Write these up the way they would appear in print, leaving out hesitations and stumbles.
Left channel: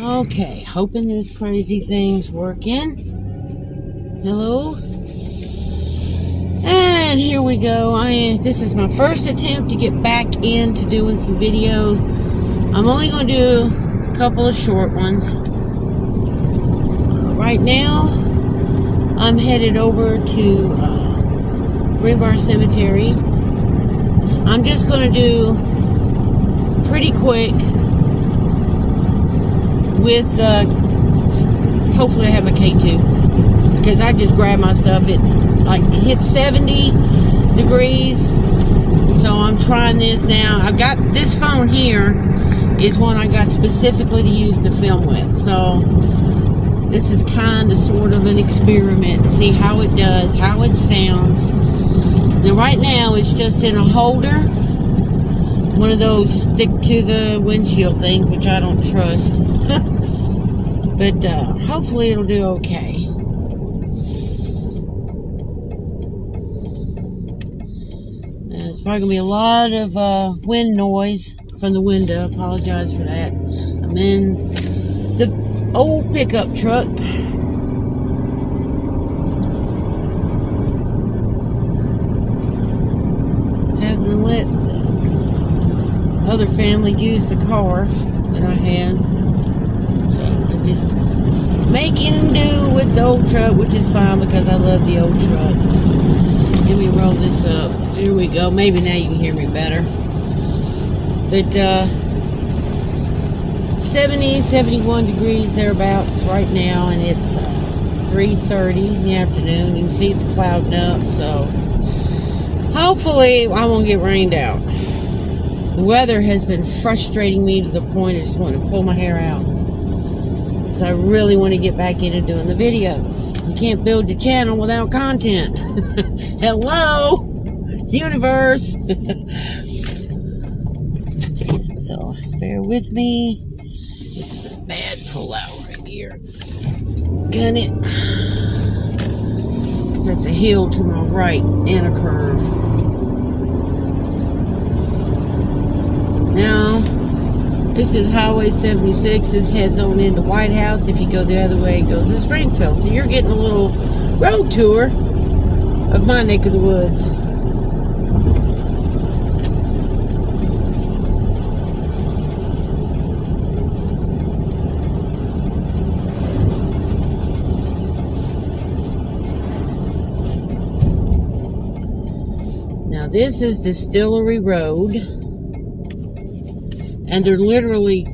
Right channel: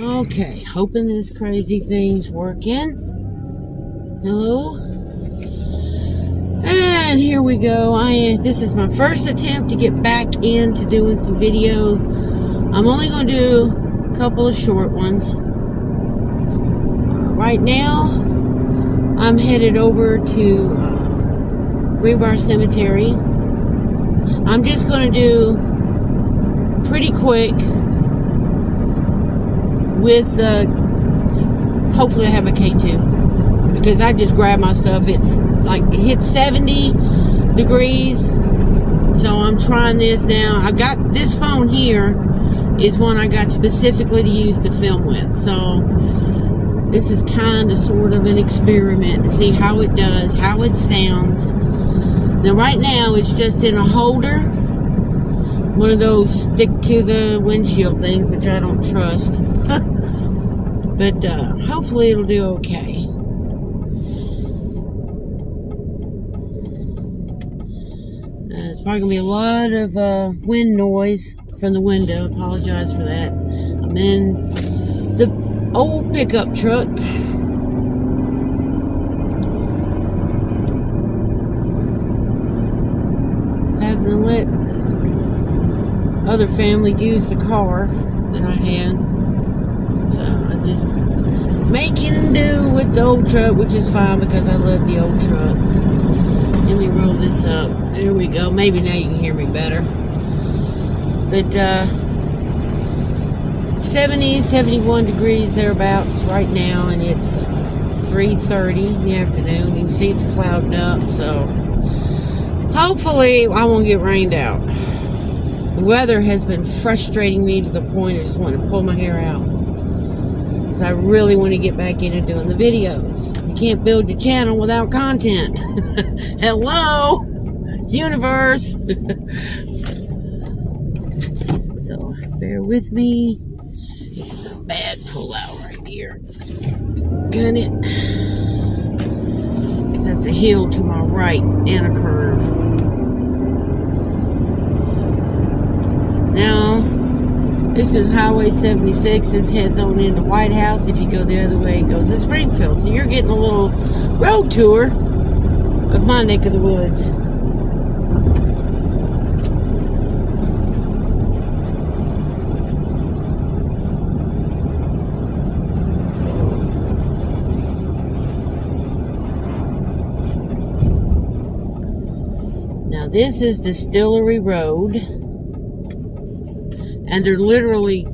Okay, hoping this crazy thing's working. Hello? And here we go. This is my first attempt to get back into doing some videos. I'm only going to do a couple of short ones. Right now, I'm headed over to Greenbrier Cemetery. I'm just going to do pretty quick with hopefully I have a K2 because I just grabbed my stuff. It's like it hit 70 degrees, so I'm trying this now. I've got this phone here is one I got specifically to use to film with, so this is kind of sort of an experiment to see how it does, how it sounds. Now right now it's just in a holder, one of those stick to the windshield things, which I don't trust. But hopefully it'll do okay. There's probably gonna be a lot of wind noise from the window. Apologize for that. I'm in the old pickup truck. Having to let the other family use the car that I had. So I just making do with the old truck, which is fine because I love the old truck. Let me roll this up. There we go. Maybe now you can hear me better. But 70, 71 degrees thereabouts right now, and it's 3:30 in the afternoon. You can see it's clouding up, so hopefully I won't get rained out. The weather has been frustrating me to the point I just want to pull my hair out. Because I really want to get back into doing the videos. You can't build your channel without content. Hello, universe. So bear with me. This is a bad pull out right here. Gun it. That's a hill to my right and a curve. Now, this is Highway 76. This heads on into White House. If you go the other way, it goes to Springfield. So you're getting a little road tour of my neck of the woods. Now this is Distillery Road. And there literally,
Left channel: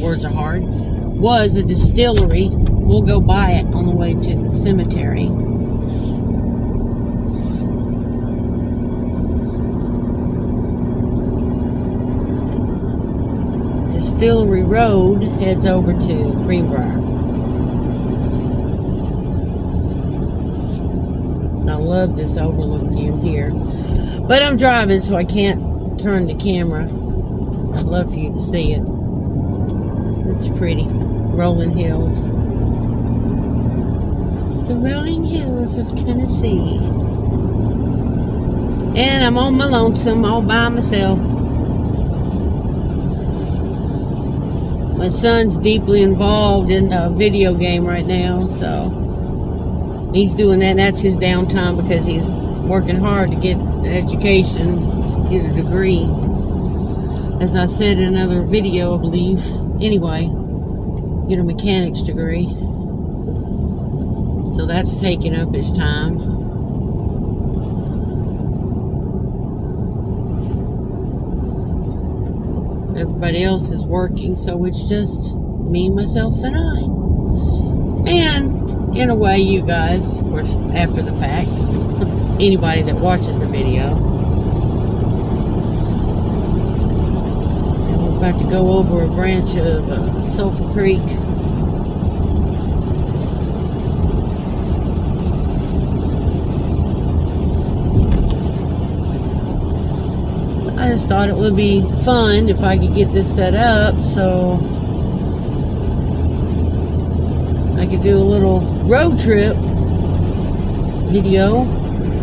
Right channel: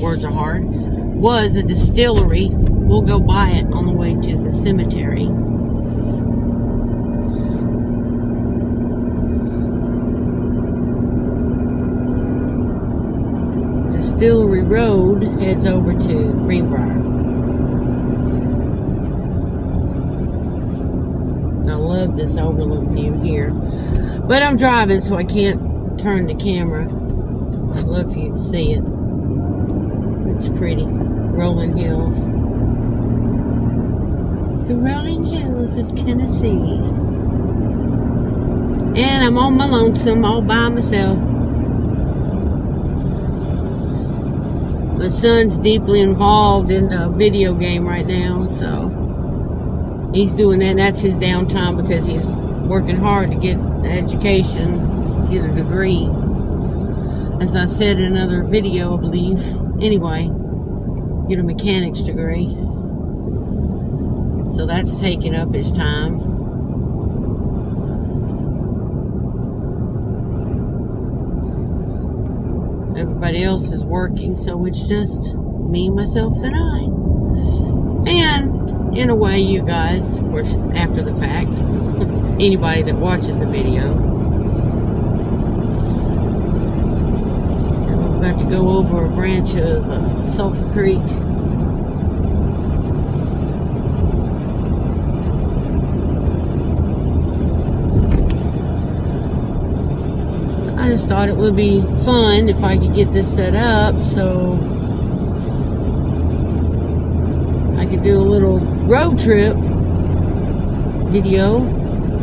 words are hard, was a distillery. We'll go by it on the way to the cemetery. Distillery Road heads over to Greenbrier. I love this overlook view here. But I'm driving, so I can't turn the camera. I'd love for you to see it. It's pretty. Rolling hills. The rolling hills of Tennessee. And I'm on my lonesome all by myself. My son's deeply involved in a video game right now, so he's doing that. That's his downtime because he's working hard to get an education, to get a degree. As I said in another video, I believe. Anyway, get a mechanics degree. So that's taking up his time. Everybody else is working, so it's just me, myself, and I. And, in a way, you guys, of course, after the fact, anybody that watches the video. About to go over a branch of Sulphur Creek. So I just thought it would be fun if I could get this set up so I could do a little road trip video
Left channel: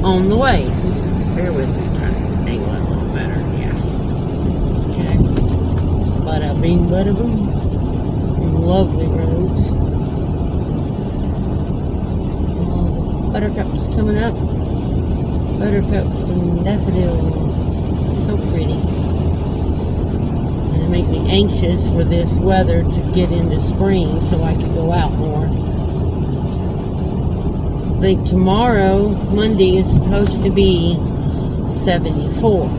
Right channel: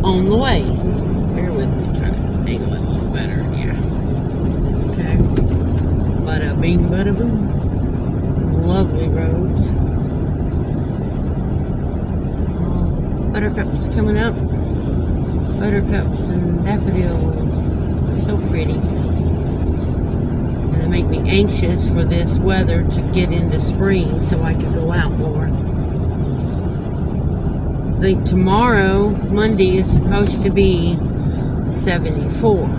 on the way. Just bear with me, try to angle it a little better. Yeah. Okay. Bada bing, bada boom. lovely roads. All the buttercups coming up. Buttercups and daffodils. So pretty. And it make me anxious for this weather to get into spring so I could go out more. I think tomorrow, Monday, is supposed to be 74.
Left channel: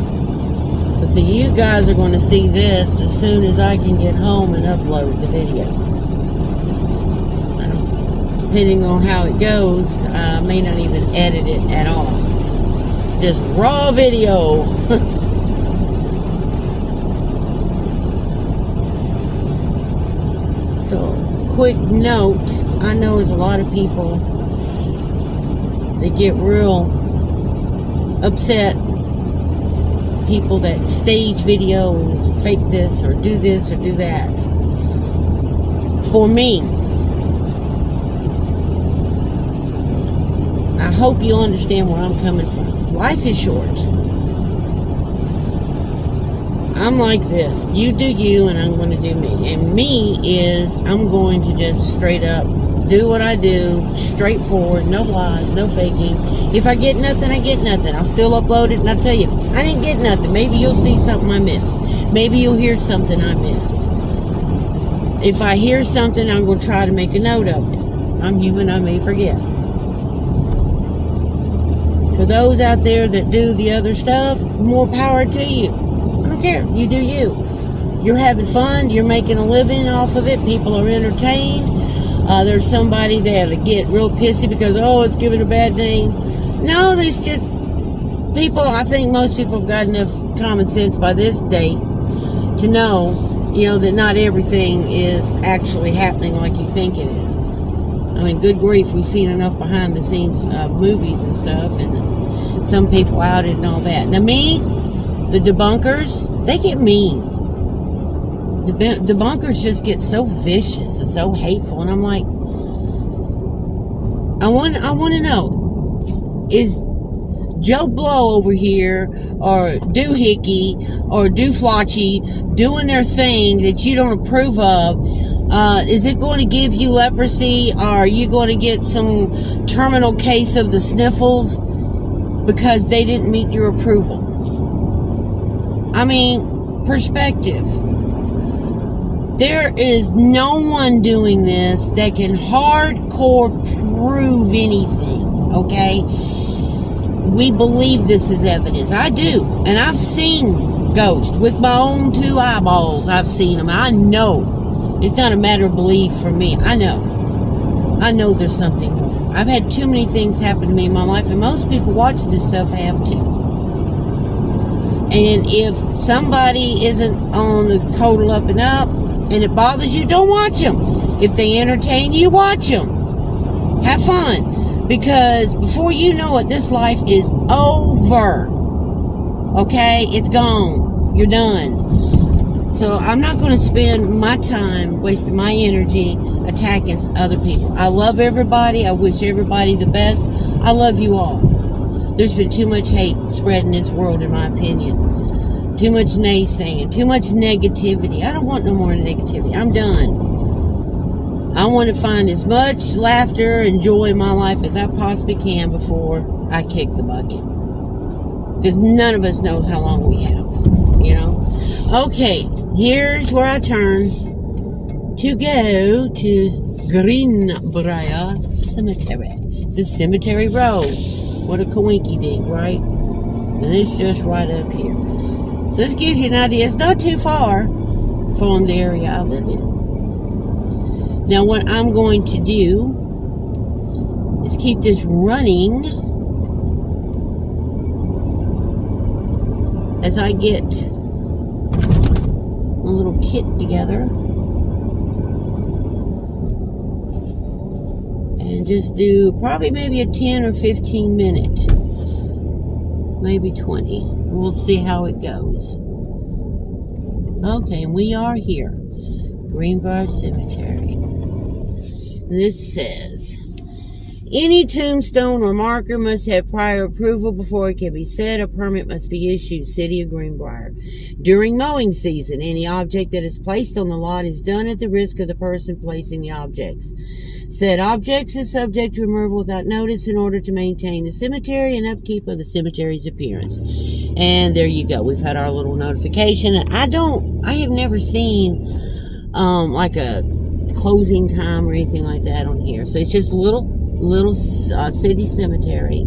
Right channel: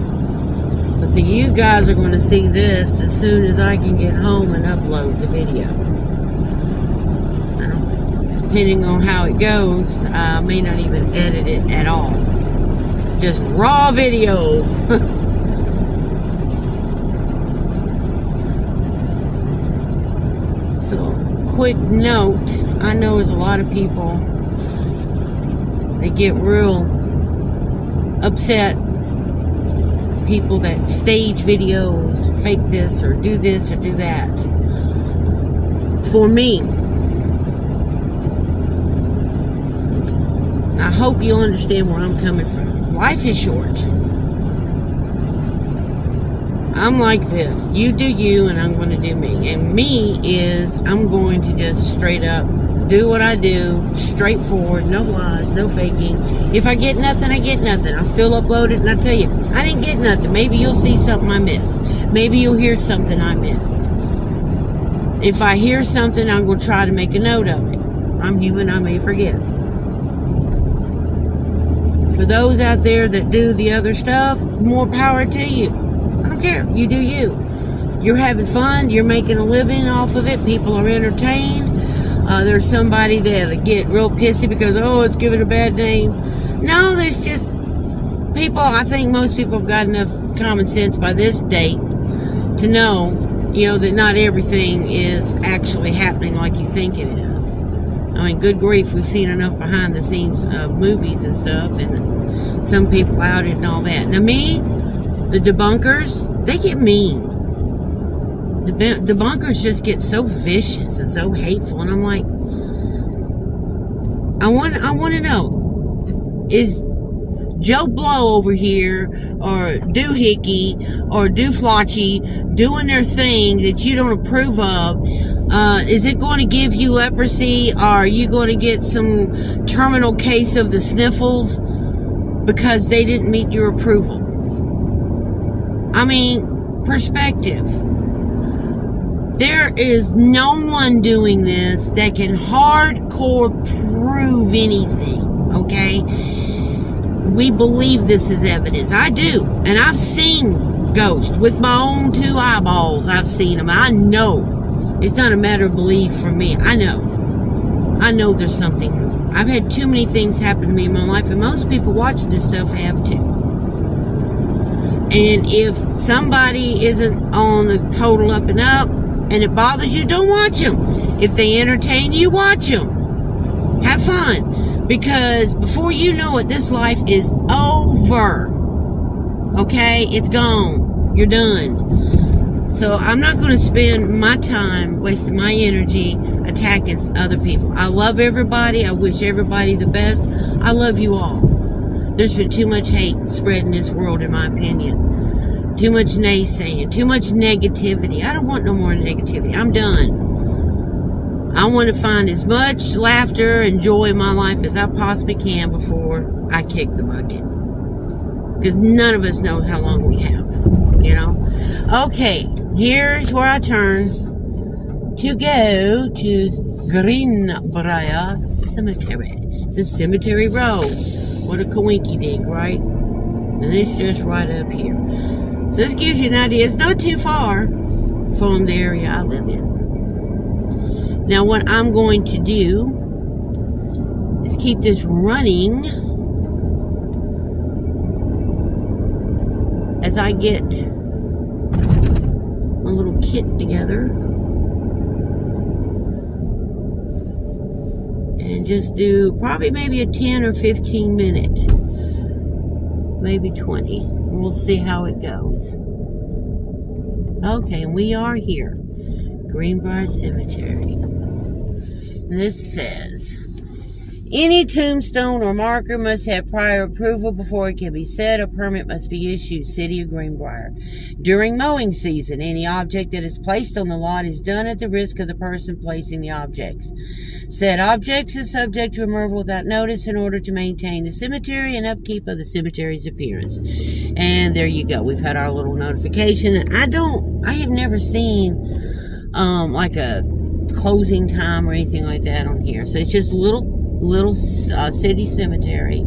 So see, you guys are going to see this as soon as I can get home and upload the video. Depending on how it goes, I may not even edit it at all. Just raw video. So, quick note, I know there's a lot of people that get real upset. People that stage videos, fake this or do that. For me, I hope you'll understand where I'm coming from. Life is short. I'm like this. You do you, and I'm going to do me. And me is, I'm going to just straight up do what I do, straightforward, no lies, no faking. If I get nothing, I get nothing. I'll still upload it, and I tell you, I didn't get nothing. Maybe you'll see something I missed. Maybe you'll hear something I missed. If I hear something, I'm going to try to make a note of it. I'm human, I may forget. For those out there that do the other stuff, more power to you. I don't care. You do you. You're having fun. You're making a living off of it. People are entertained. There's somebody that'll get real pissy because, oh, it's given a bad name. No, there's just people. I think most people have got enough common sense by this date to know, that not everything is actually happening like you think it is. I mean, good grief, we've seen enough behind the scenes movies and stuff, and some people outed and all that. Now me, the debunkers, they get mean. The debunkers just get so vicious and so hateful, and I'm like, I want to know, is Joe Blow over here, or Doohickey, or Dooflotchy doing their thing that you don't approve of? Is it going to give you leprosy? Or are you going to get some terminal case of the sniffles because they didn't meet your approval? I mean, perspective. There is no one doing this that can hardcore prove anything, okay? We believe this is evidence. I do. And I've seen ghosts with my own 2 eyeballs. I've seen them. I know. It's not a matter of belief for me. I know. I know there's something more. I've had too many things happen to me in my life, and most people watching this stuff have too. And if somebody isn't on the total up and up, and it bothers you, don't watch them. If they entertain you, watch them. Have fun. Because before you know it, this life is over. Okay? It's gone. You're done. So I'm not going to spend my time wasting my energy attacking other people. I love everybody. I wish everybody the best. I love you all. There's been too much hate spread in this world, in my opinion. Too much naysaying. Too much negativity. I don't want no more negativity. I'm done. I want to find as much laughter and joy in my life as I possibly can before I kick the bucket. Because none of us knows how long we have. Okay, here's where I turn to go to Greenbrier Cemetery. It's a cemetery road. What a coinky dink, right? And it's just right up here. So this gives you an idea. It's not too far from the area I live in. Now what I'm going to do is keep this running as I get a little kit together and just do probably maybe a 10 or 15 minute, maybe 20. We'll see how it goes. Okay, and we are here, Greenbrier Cemetery. This says, Any tombstone or marker must have prior approval before it can be set. A permit must be issued. City of Greenbrier. During mowing season, any object that is placed on the lot is done at the risk of the person placing the objects. Said objects is subject to removal without notice in order to maintain the cemetery and upkeep of the cemetery's appearance. And there you go. We've had our little notification. I have never seen like a closing time or anything like that on here. So it's just little city cemetery,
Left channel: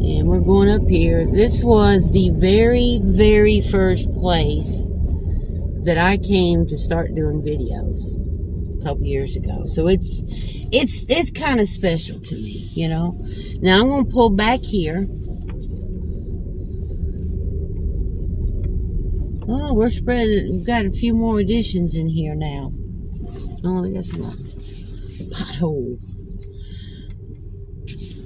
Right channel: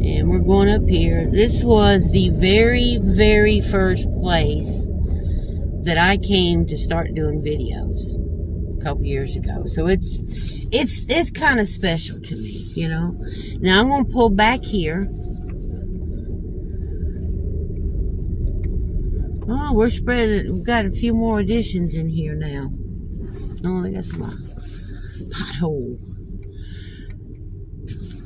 and we're going up here. This was the very first place that I came to start doing videos a couple years ago, so it's kind of special to me, you know. Now I'm going to pull back here. Oh, we're spreading. We've got a few more additions in here now. Oh, they got some pothole.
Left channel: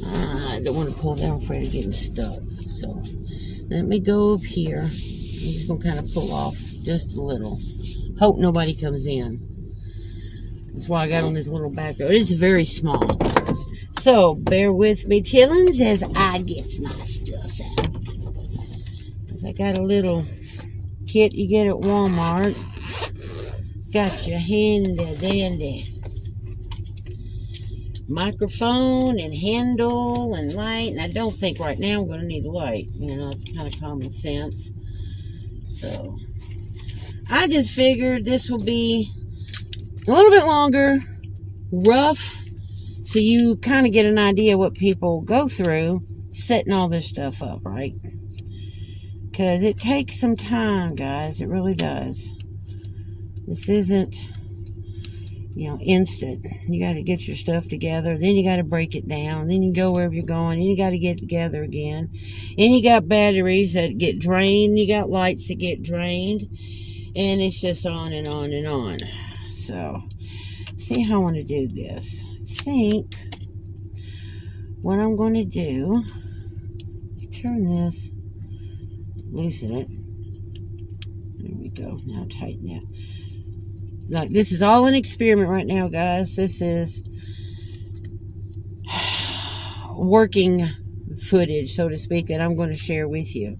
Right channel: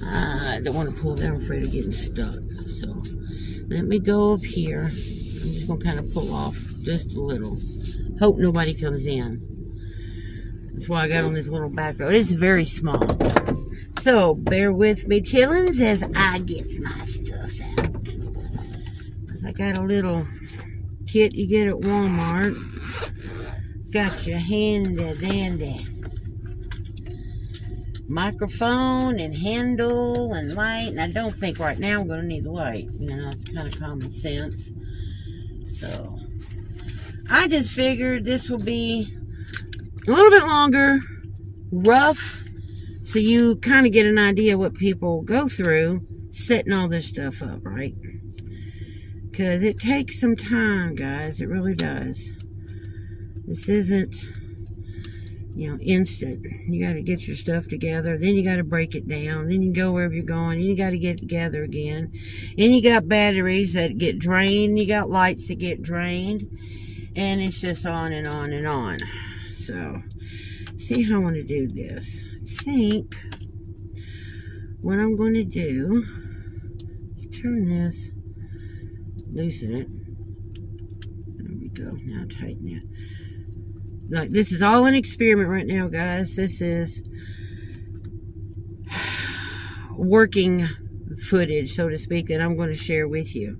I don't want to pull down, I'm afraid of getting stuck. So let me go up here. I'm just going to kind of pull off just a little. Hope nobody comes in. That's why I got on this little back road. It's very small. So bear with me, chillins, as I get my stuff out. Because I got a little kit you get at Walmart. Got your handy dandy microphone and handle and light, and I don't think right now I'm going to need a light. You know, it's kind of common sense. So I just figured this will be a little bit longer, rough, so you kind of get an idea what people go through setting all this stuff up, right? Because it takes some time, guys. It really does. This isn't, you know, instant. You got to get your stuff together. Then you got to break it down. Then you go wherever you're going. Then you got to get it together again. And you got batteries that get drained. You got lights that get drained. And it's just on and on and on. So, see how I want to do this. I think what I'm going to do is turn this, loosen it. There we go. Now tighten it. Like, this is all an experiment right now, guys. This is working footage, so to speak, that I'm going to share with you.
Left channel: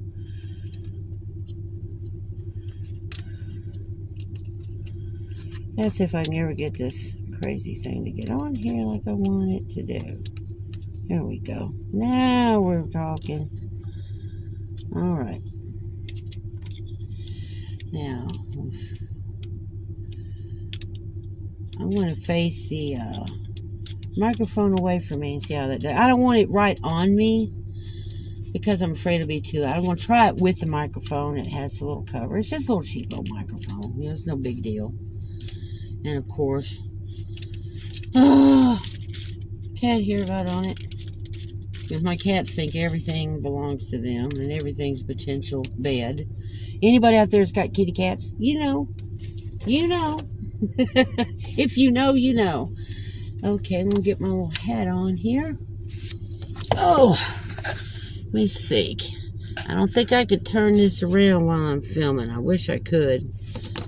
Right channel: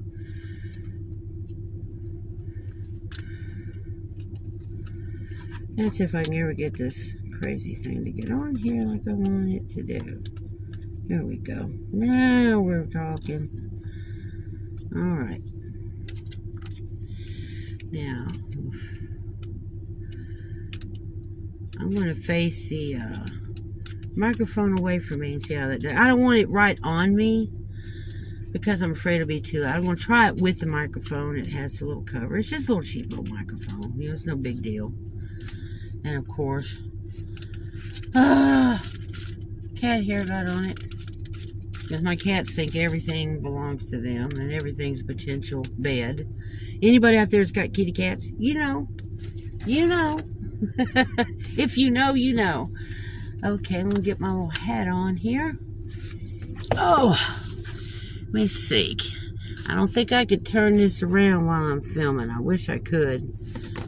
That's if I can ever get this crazy thing to get on here like I want it to do. There we go. Now we're talking. All right. Now, I'm going to face the microphone away from me and see how that does. I don't want it right on me because I'm afraid it'll be too loud. I'm going to try it with the microphone. It has a little cover. It's just a little cheap little microphone. You know, it's no big deal. And of course, cat hair got on it. Because my cats think everything belongs to them and everything's a potential bed. Anybody out there that's got kitty cats, you know. You know. If you know, you know. Okay, I'm going to get my little hat on here. Oh, let me see. I don't think I could turn this around while I'm filming. I wish I could.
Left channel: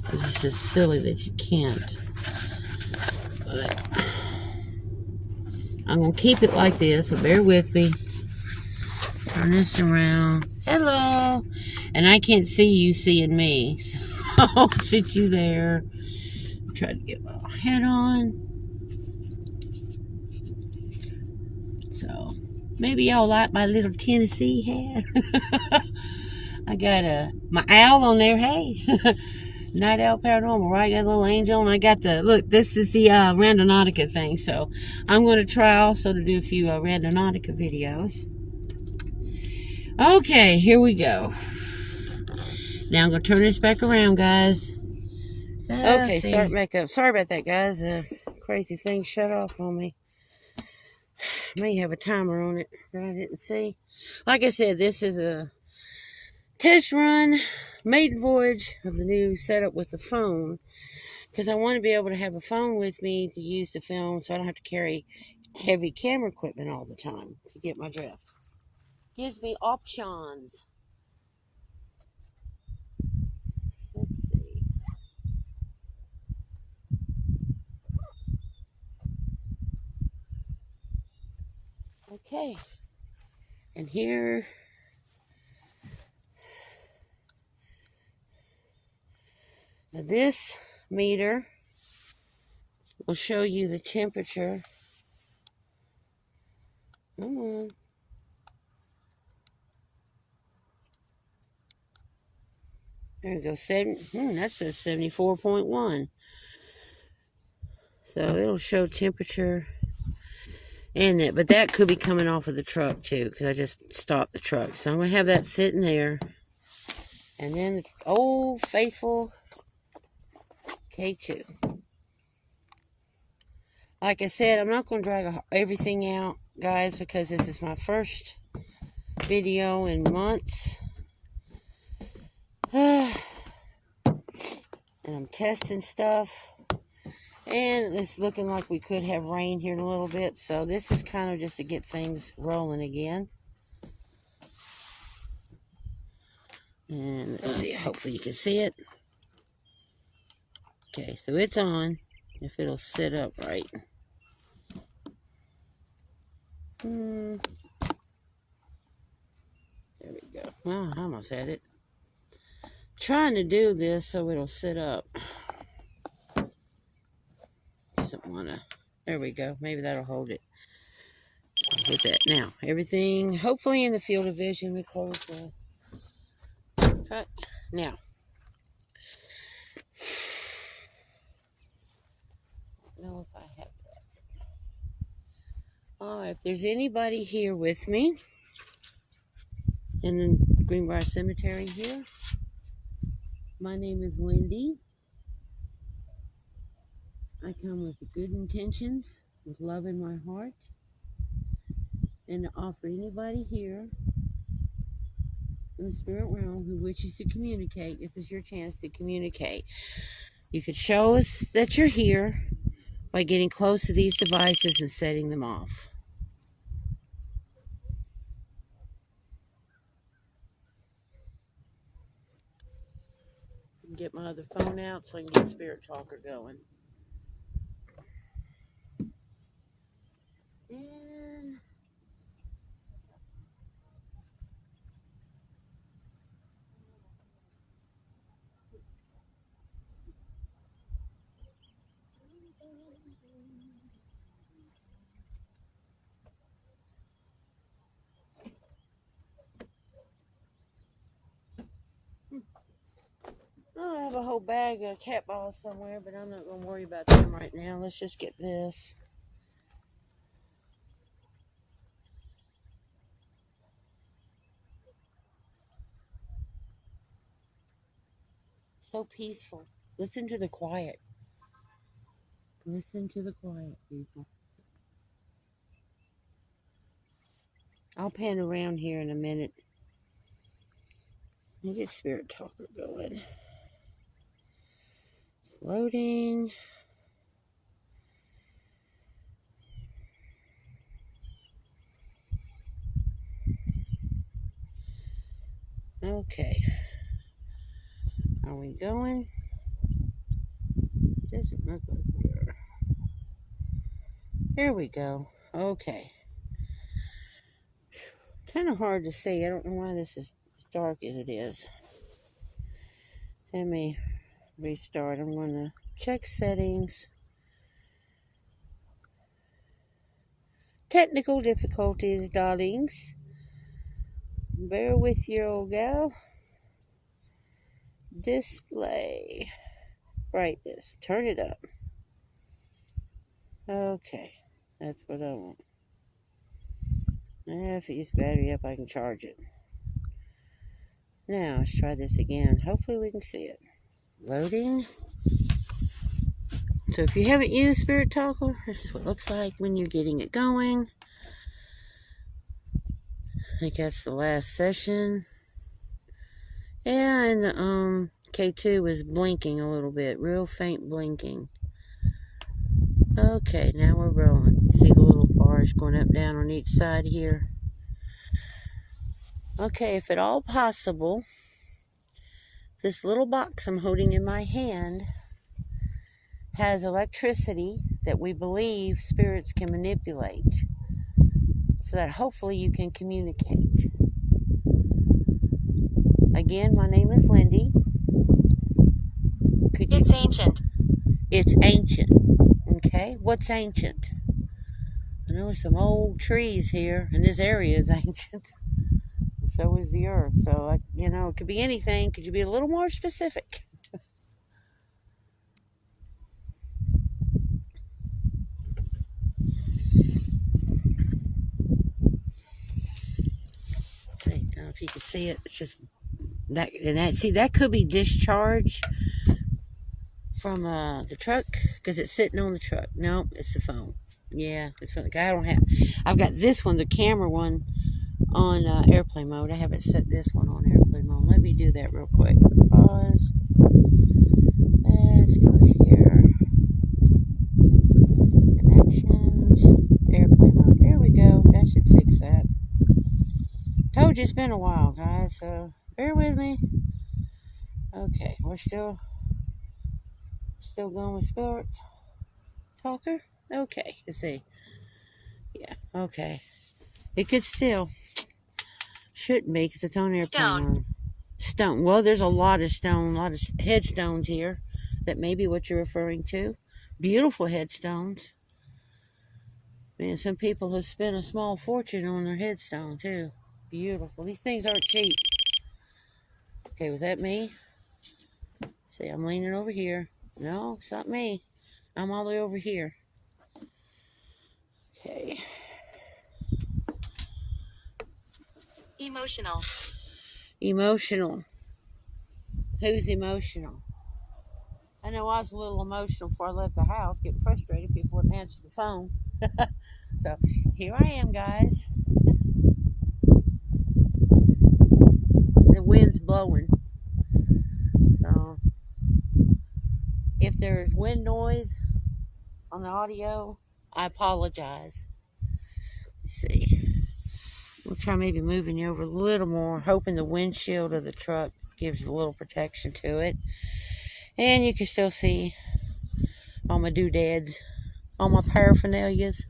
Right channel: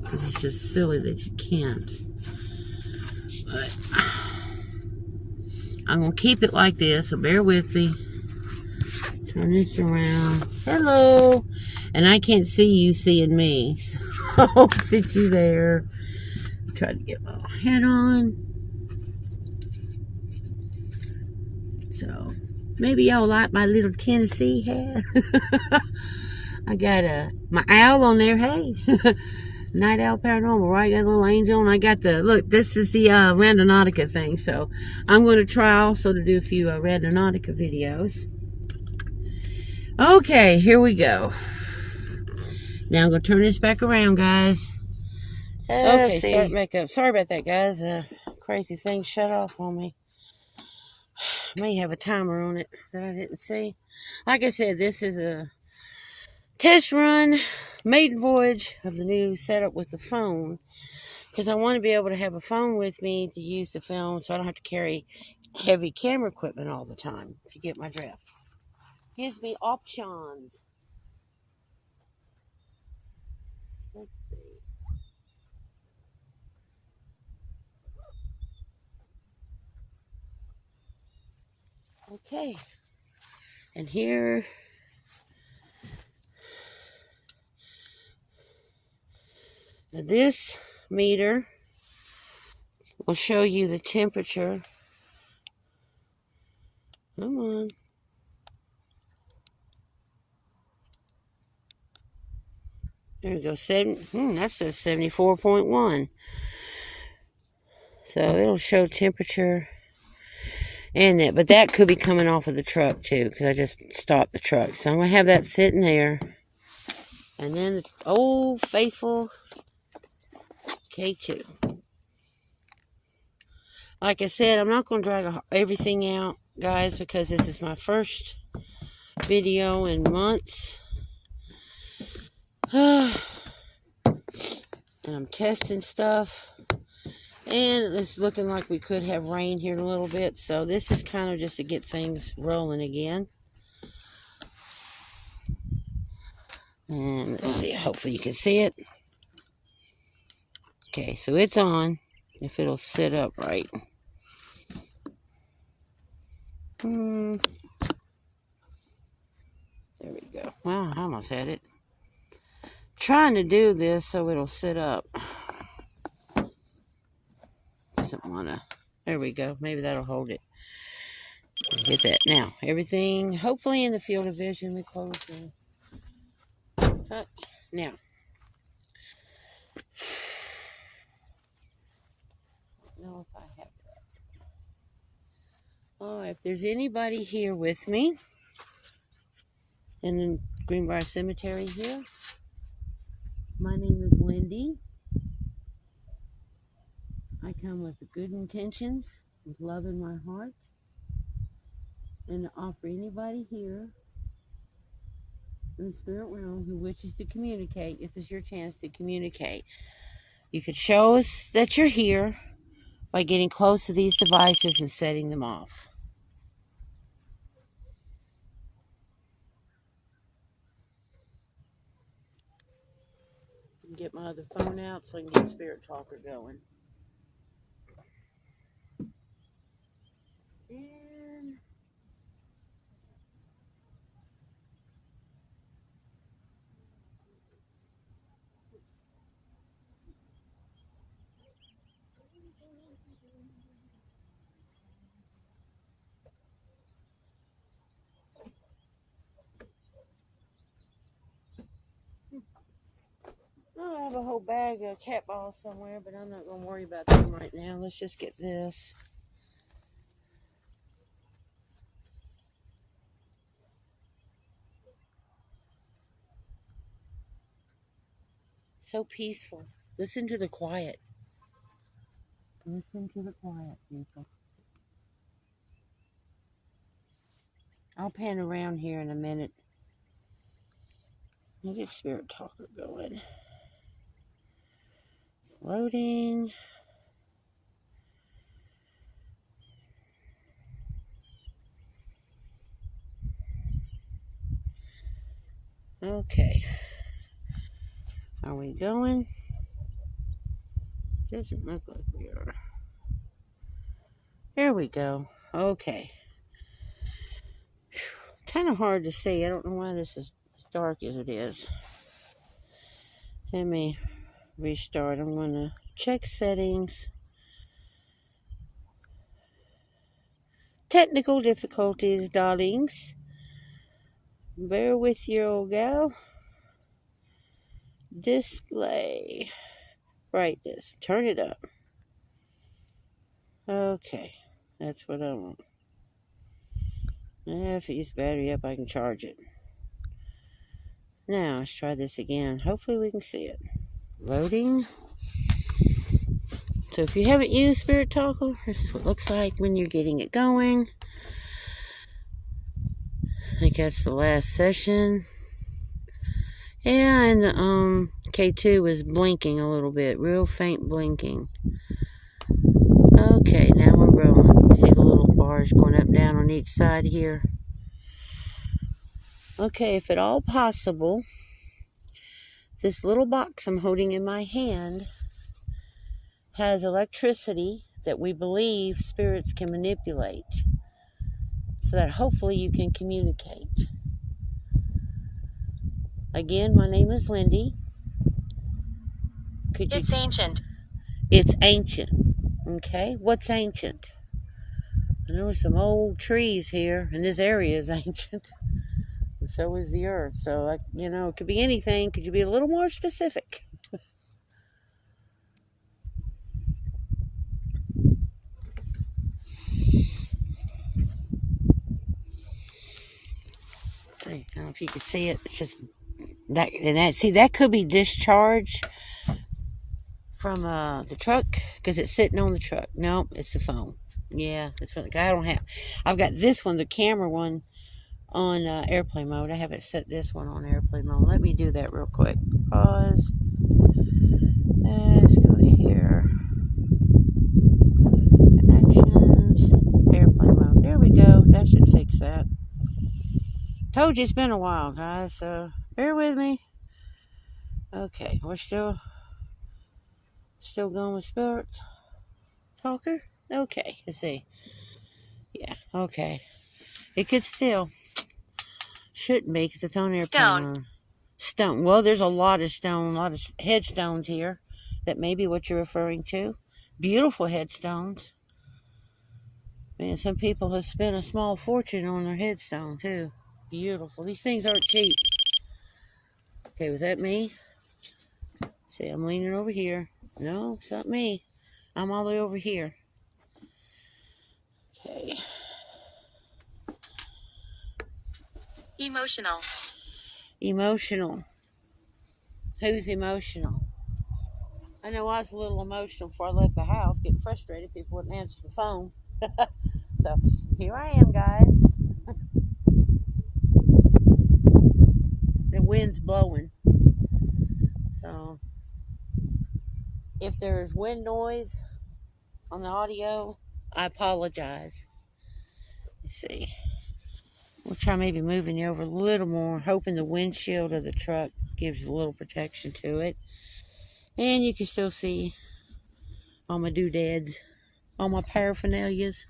Because it's just silly that you can't. But I'm going to keep it like this, so bear with me. Turn this around. Hello. And I can't see you seeing me. So I'll sit you there. Try to get my head on. So maybe y'all like my little Tennessee hat. I got my owl on there. Hey, Night Owl Paranormal, right? Got a little angel, and I got the look. This is the Randonautica thing. So I'm going to try also to do a few Randonautica videos. Okay, here we go. Now I'm going to turn this back around, guys. Okay, start back up. Sorry about that, guys. Crazy thing shut off on me. May have a timer on it that I didn't see. Like I said, this is a test run, maiden voyage of the new setup with the phone. Because I want to be able to have a phone with me to use to film so I don't have to carry heavy camera equipment all the time, if you get my drift. Gives me options. Let's see. Okay. And here, this meter will show you the temperature. Come on. There you go. That says 74.1. So it'll show temperature and that. But that could be coming off of the truck too, because I just stopped the truck. So I'm going to have that sitting there. And then the old faithful K2. Like I said, I'm not going to drag everything out, guys, because this is my first video in months. And I'm testing stuff. And it's looking like we could have rain here in a little bit. So this is kind of just to get things rolling again. And let's see. Hopefully you can see it. Okay, so it's on. If it'll sit up right. There we go. Wow, I almost had it. Trying to do this so it'll sit up. Doesn't want to. There we go. Maybe that'll hold it. Get that. Now, everything hopefully in the field of vision. We close the cut. Now. I don't know if I have that. If there's anybody here with me in the Greenbrier Cemetery here, my name is Lindy. I come with good intentions, with love in my heart, and to offer anybody here in the spirit realm who wishes to communicate, this is your chance to communicate. You could show us that you're here by getting close to these devices and setting them off. Get my other phone out so I can get Spirit Talker going. And I have a whole bag of cat balls somewhere, but I'm not going to worry about them right now. Let's just get this. So peaceful. Listen to the quiet. Listen to the quiet, people. I'll pan around here in a minute. Let me get Spirit Talker going. It's loading. Okay. Are we going? Doesn't look like we are. There we go. Okay. Kind of hard to see. I don't know why this is as dark as it is. Let me restart. I'm going to check settings. Technical difficulties, darlings. Bear with your old gal. Display. Brightness. Turn it up. Okay. That's what I want. If it gets battery up, I can charge it. Now, let's try this again. Hopefully we can see it. Loading. So if you haven't used Spirit Talker, this is what it looks like when you're getting it going. I think that's the last session. Yeah, and the K2 is blinking a little bit. Real faint blinking. Okay, now we're rolling. You see the little bars going up and down on each side here. Okay, if at all possible, this little box I'm holding in my hand has electricity that we believe spirits can manipulate. So so that hopefully you can communicate. Again, my name is Lindy. It's ancient. It's ancient. Okay, what's ancient? I know there's some old trees here, and this area is ancient. And so is the earth. So, it could be anything. Could you be a little more specific? See, I don't know if you can see it. It's just that, that could be discharge from the truck, because it's sitting on the truck. No, it's the phone. Yeah, that's what I don't have. I've got this one, the camera one, on airplane mode. I haven't set this one on airplane mode. Let me do that real quick. Pause. Let's go here. Connections. Airplane mode. There we go. That should fix that. Told you it's been a while, guys, so bear with me. Okay, we're still going with Spirit Talker. Okay, let's see. Yeah, okay. It could still. Shouldn't be, because it's on airplane mode. Stone. Well, there's a lot of headstones here. That may be what you're referring to. Beautiful headstones. Man, some people have spent a small fortune on their headstone, too. Beautiful. These things aren't cheap. Okay, was that me? See, I'm leaning over here. No, it's not me. I'm all the way over here. Okay. Emotional. Emotional. Who's emotional? I know I was a little emotional before I left the house, getting frustrated. People wouldn't answer the phone. So, here I am, guys. The wind's blowing. So, if there's wind noise on the audio, I apologize. Let's see. We'll try maybe moving you over a little more, hoping the windshield of the truck gives a little protection to it. And you can still see all my doodads, all my paraphernalias.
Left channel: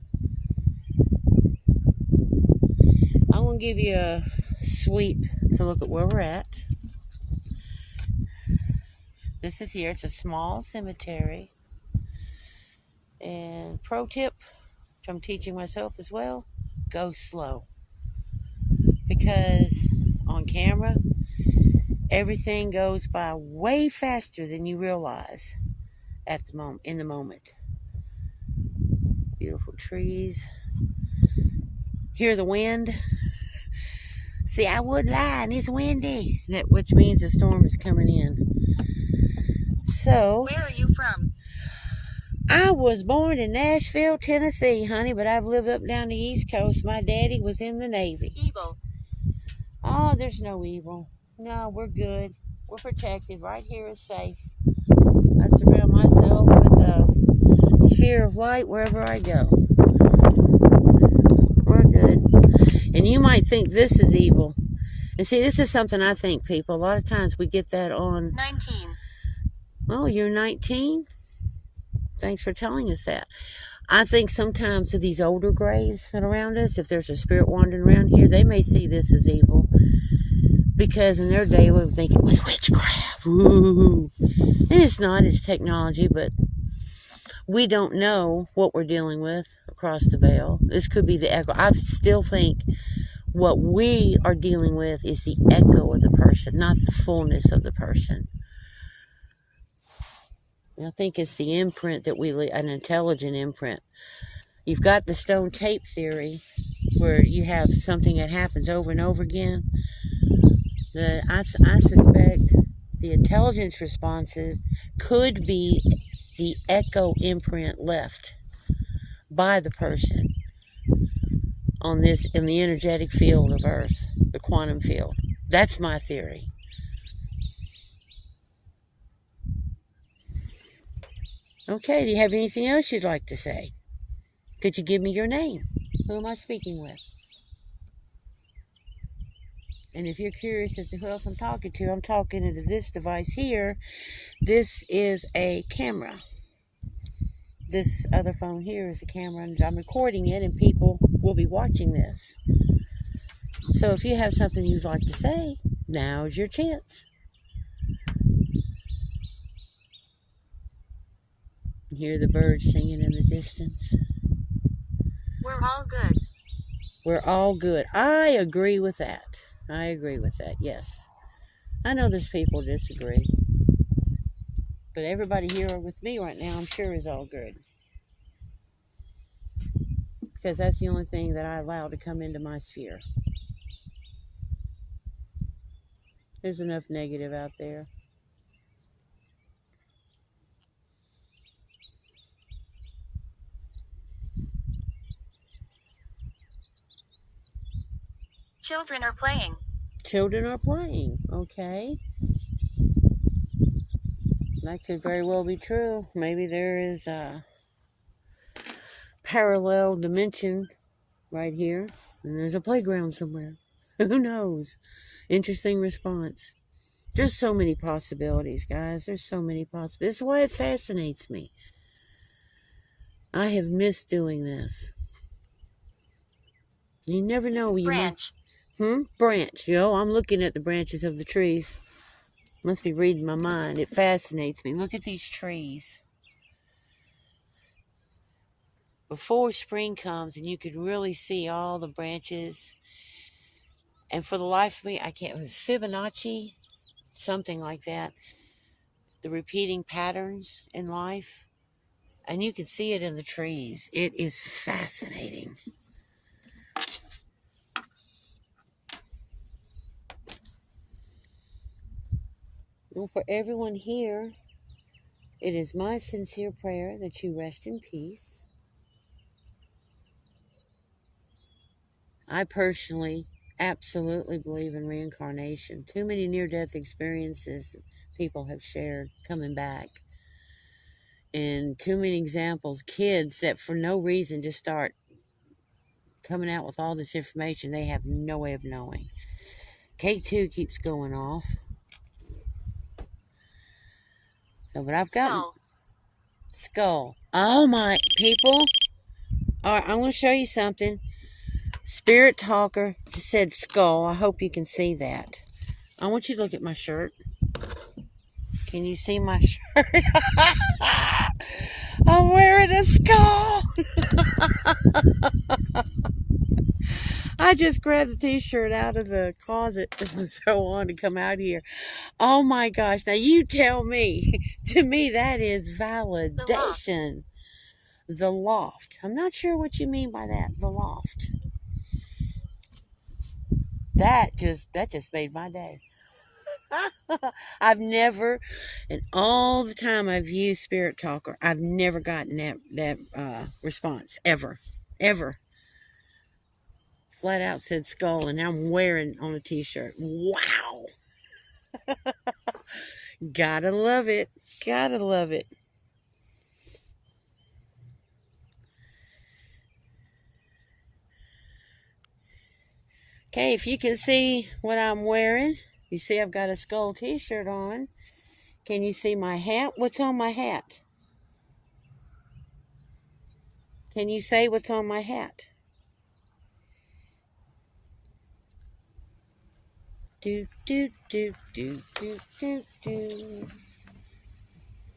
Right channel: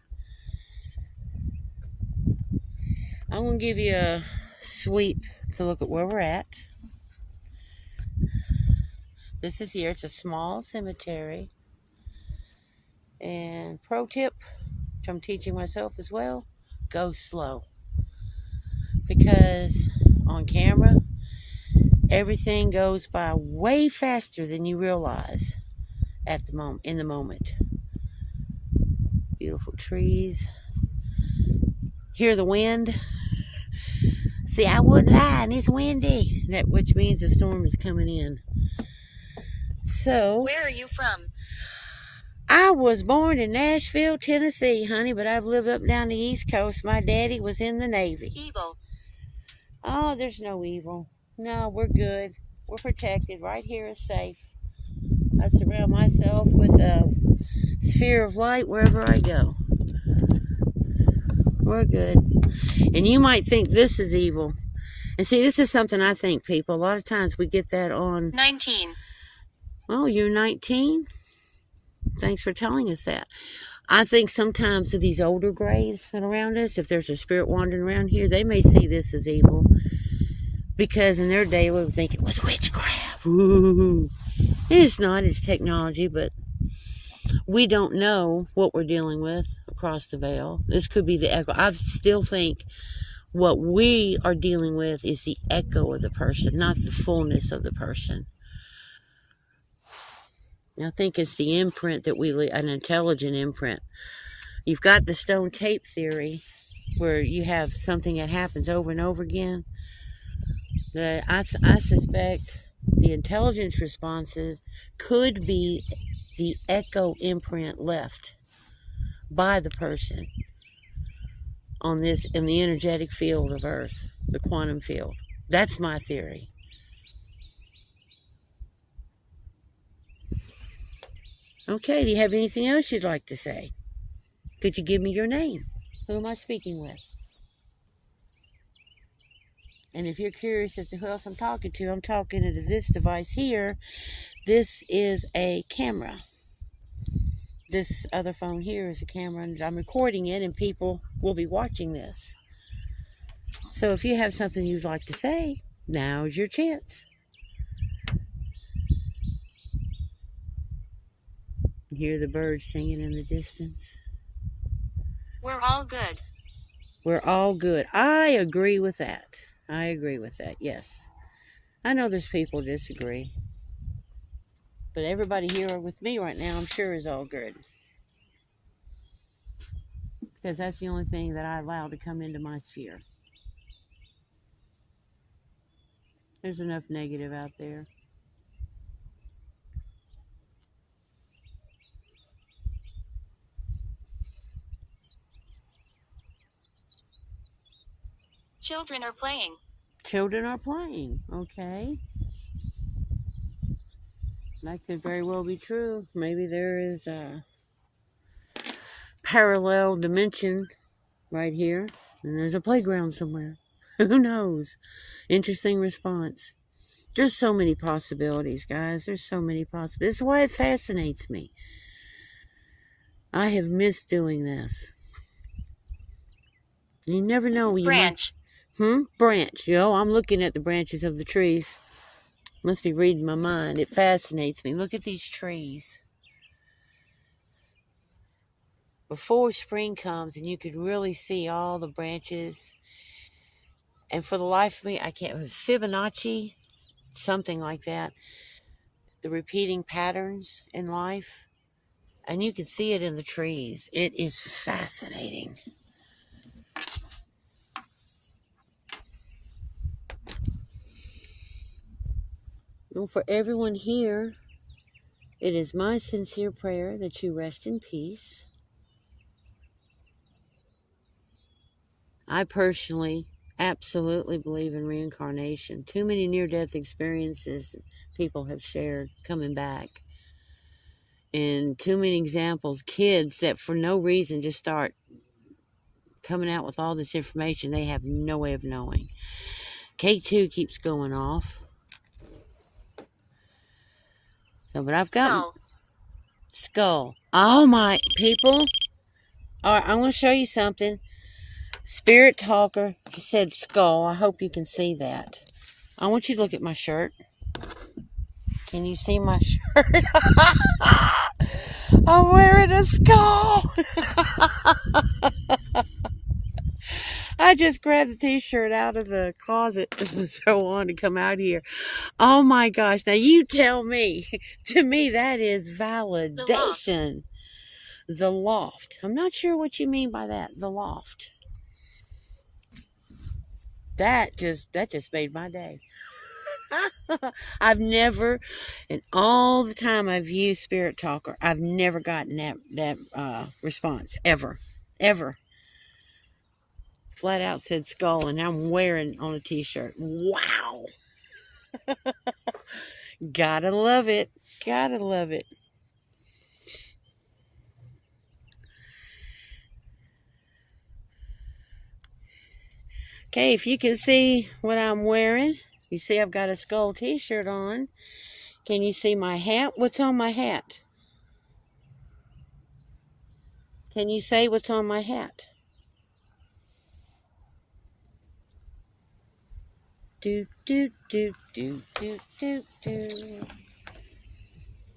I'm going to give you a sweep to look at where we're at. This is here. It's a small cemetery. And pro tip, which I'm teaching myself as well, go slow. Because on camera, everything goes by way faster than you realize in the moment. Beautiful trees. Hear the wind. See, I wouldn't lie, and it's windy. Which means the storm is coming in. So, where are you from? I was born in Nashville, Tennessee, honey, but I've lived up down the East Coast. My daddy was in the Navy. Evil. Oh, there's no evil. No, we're good. We're protected. Right here is safe. I surround myself with a sphere of light wherever I go. We're good. And you might think this is evil. And see, this is something I think, people. A lot of times we get that on... 19. Oh, you're 19? Thanks for telling us that. I think sometimes with these older graves that are around us, if there's a spirit wandering around here, they may see this as evil. Because in their day, we would think it was witchcraft. Ooh. It's not. It's technology, but we don't know what we're dealing with across the veil. This could be the echo. I still think what we are dealing with is the echo of the person, not the fullness of the person. I think it's the imprint that an intelligent imprint. You've got the stone tape theory, where you have something that happens over and over again. That I suspect the intelligence responses could be the echo imprint left by the person in the energetic field of Earth, the quantum field. That's my theory. Okay, do you have anything else you'd like to say? Could you give me your name? Who am I speaking with? And if you're curious as to who else I'm talking to this device here. This is a camera. This other phone here is a camera, and I'm recording it, and people will be watching this. So if you have something you'd like to say, now's your chance. Hear the birds singing in the distance. We're all good. We're all good. I agree with that. I agree with that, yes. I know there's people who disagree. But everybody here with me right now, I'm sure, is all good. Because that's the only thing that I allow to come into my sphere. There's enough negative out there. Children are playing. Children are playing, okay. That could very well be true. Maybe there is a parallel dimension right here, and there's a playground somewhere. Who knows? Interesting response. There's so many possibilities, guys. There's so many possibilities. This is why it fascinates me. I have missed doing this. You never know. Branch. Branch. I'm looking at the branches of the trees. Must be reading my mind. It fascinates me. Look at these trees. Before spring comes and you could really see all the branches. And for the life of me, I can't. It was Fibonacci, something like that. The repeating patterns in life. And you can see it in the trees. It is fascinating. Well, for everyone here, it is my sincere prayer that you rest in peace. I personally absolutely believe in reincarnation. Too many near-death experiences people have shared coming back. And too many examples, kids that for no reason just start coming out with all this information they have no way of knowing. K2 keeps going off. So, but I've got skull. Oh my people. All right, I want to show you something. Spirit Talker just said skull. I hope you can see that. I want you to look at my shirt. Can you see my shirt? I'm wearing a skull. I just grabbed the t-shirt out of the closet to throw on to come out here. Oh my gosh. Now you tell me. To me, that is validation. The loft. I'm not sure what you mean by that. The loft. That just made my day. I've never, in all the time I've used Spirit Talker, I've never gotten that response. Ever. Flat out said skull, and now I'm wearing on a t-shirt. Wow. Gotta love it. Okay, if you can see what I'm wearing, you see I've got a skull t-shirt on. Can you see my hat? What's on my hat? Can you say what's on my hat? Do do do do do do do.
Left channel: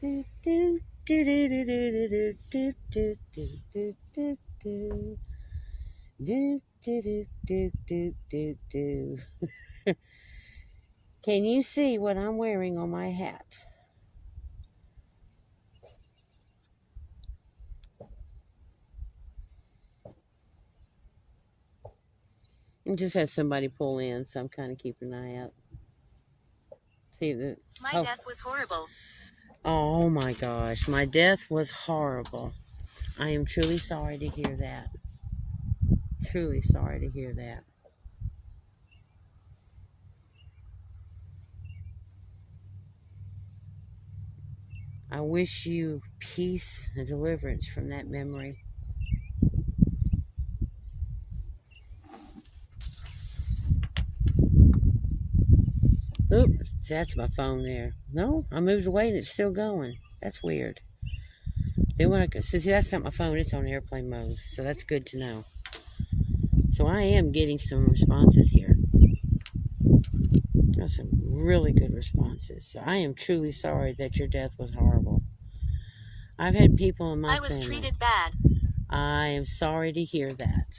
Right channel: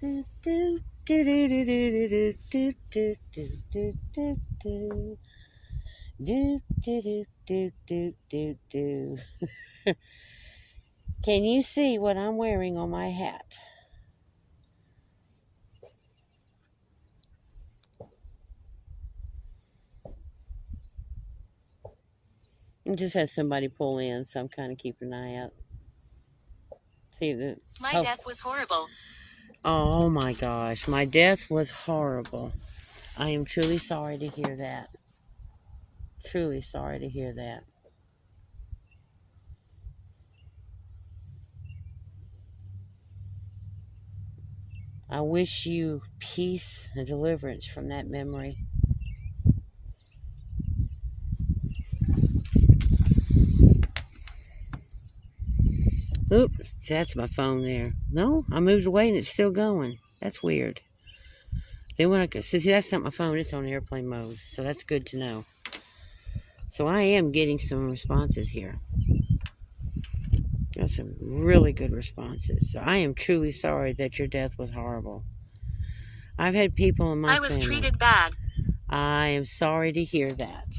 Do do do do do do do do do do do. Do do do do do do. Can you see what I'm wearing on my hat? I just had somebody pull in, so I'm kind of keeping an eye out. See the. My death was horrible. Oh my gosh, my death was horrible. I am truly sorry to hear that. Truly sorry to hear that. I wish you peace and deliverance from that memory. Oop, that's my phone there. No, I moved away and it's still going. That's weird. Then when I see, that's not my phone. It's on airplane mode, so that's good to know. So I am getting some responses here. Got some really good responses. So I am truly sorry that your death was horrible. I've had people in my I was family. treated bad. I am sorry to hear that.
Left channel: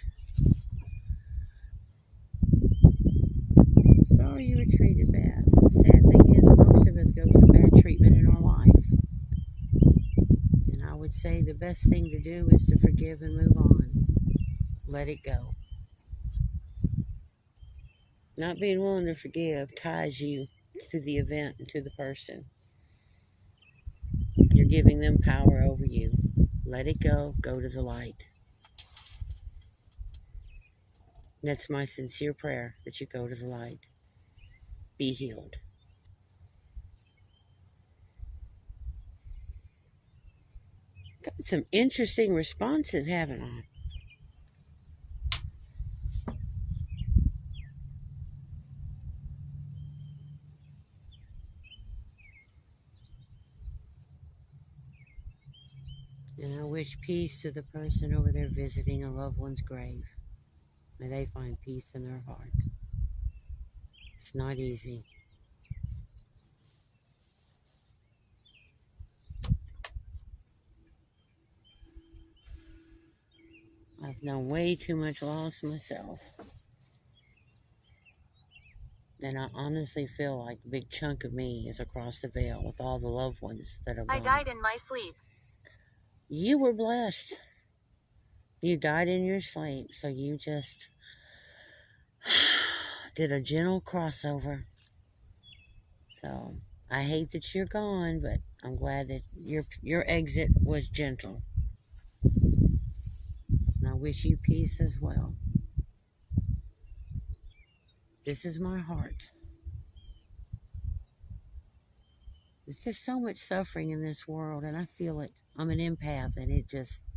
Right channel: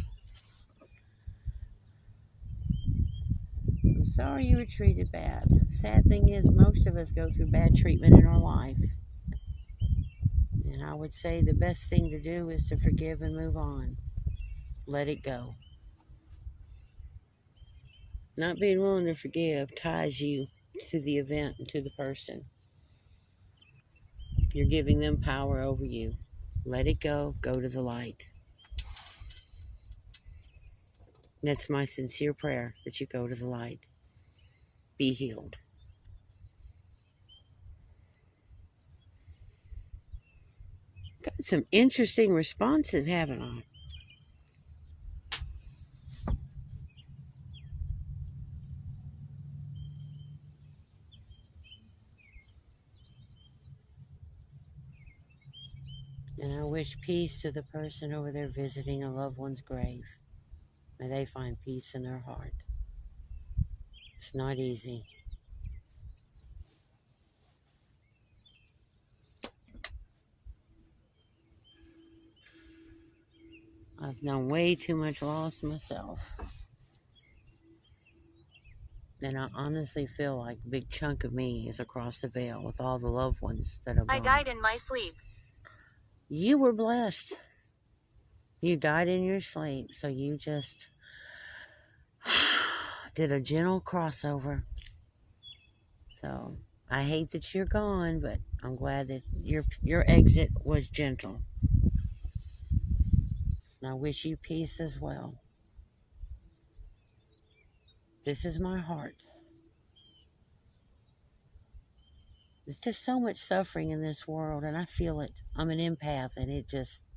I'm sorry you were treated bad. The sad thing is, most of us go through bad treatment in our life. And I would say the best thing to do is to forgive and move on. Let it go. Not being willing to forgive ties you to the event and to the person. You're giving them power over you. Let it go. Go to the light. That's my sincere prayer, that you go to the light. Be healed. Got some interesting responses, haven't I? And I wish peace to the person over there visiting a loved one's grave. May they find peace in their heart. It's not easy. I've known way too much loss myself. And I honestly feel like a big chunk of me is across the veil with all the loved ones that are gone. I died in my sleep. You were blessed. You died in your sleep, so you just did a gentle crossover. So I hate that you're gone, but I'm glad that your exit was gentle. And I wish you peace as well. This is my heart. There's just so much suffering in this world, and I feel it. I'm an empath, and it just...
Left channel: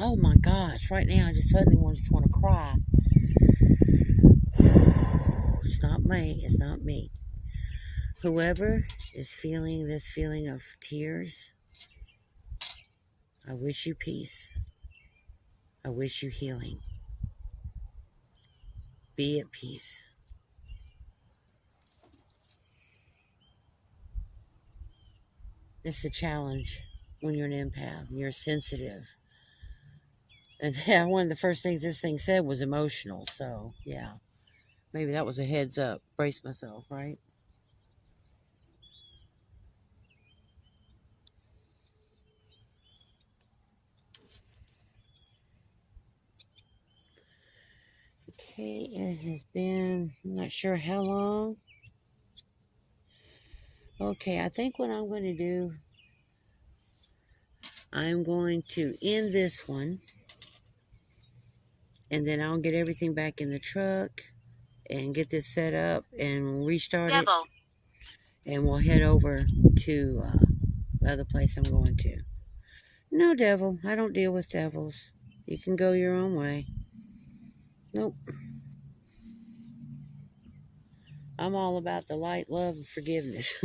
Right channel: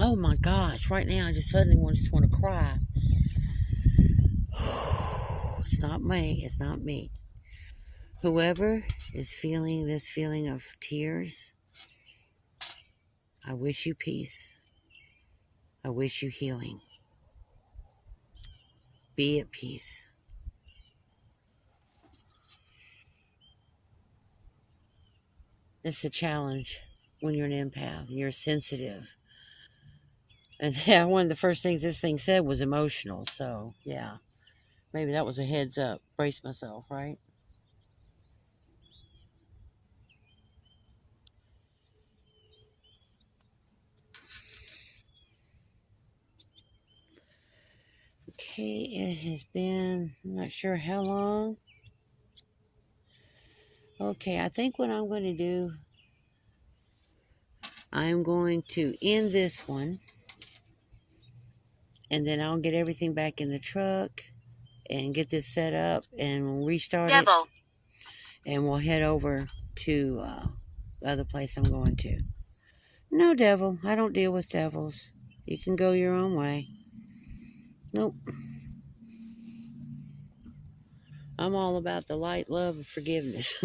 Oh my gosh, right now I just suddenly just want to cry. It's not me. It's not me. Whoever is feeling this feeling of tears, I wish you peace. I wish you healing. Be at peace. It's a challenge when you're an empath and you're sensitive. And yeah, one of the first things this thing said was emotional. So, yeah. Maybe that was a heads up. Brace myself, right? Okay, it has been, I'm not sure how long. Okay, I think what I'm going to do, I'm going to end this one. And then I'll get everything back in the truck and get this set up and we'll restart it. And we'll head over to the other place I'm going to. No, devil. I don't deal with devils. You can go your own way. Nope. I'm all about the light, love, and forgiveness.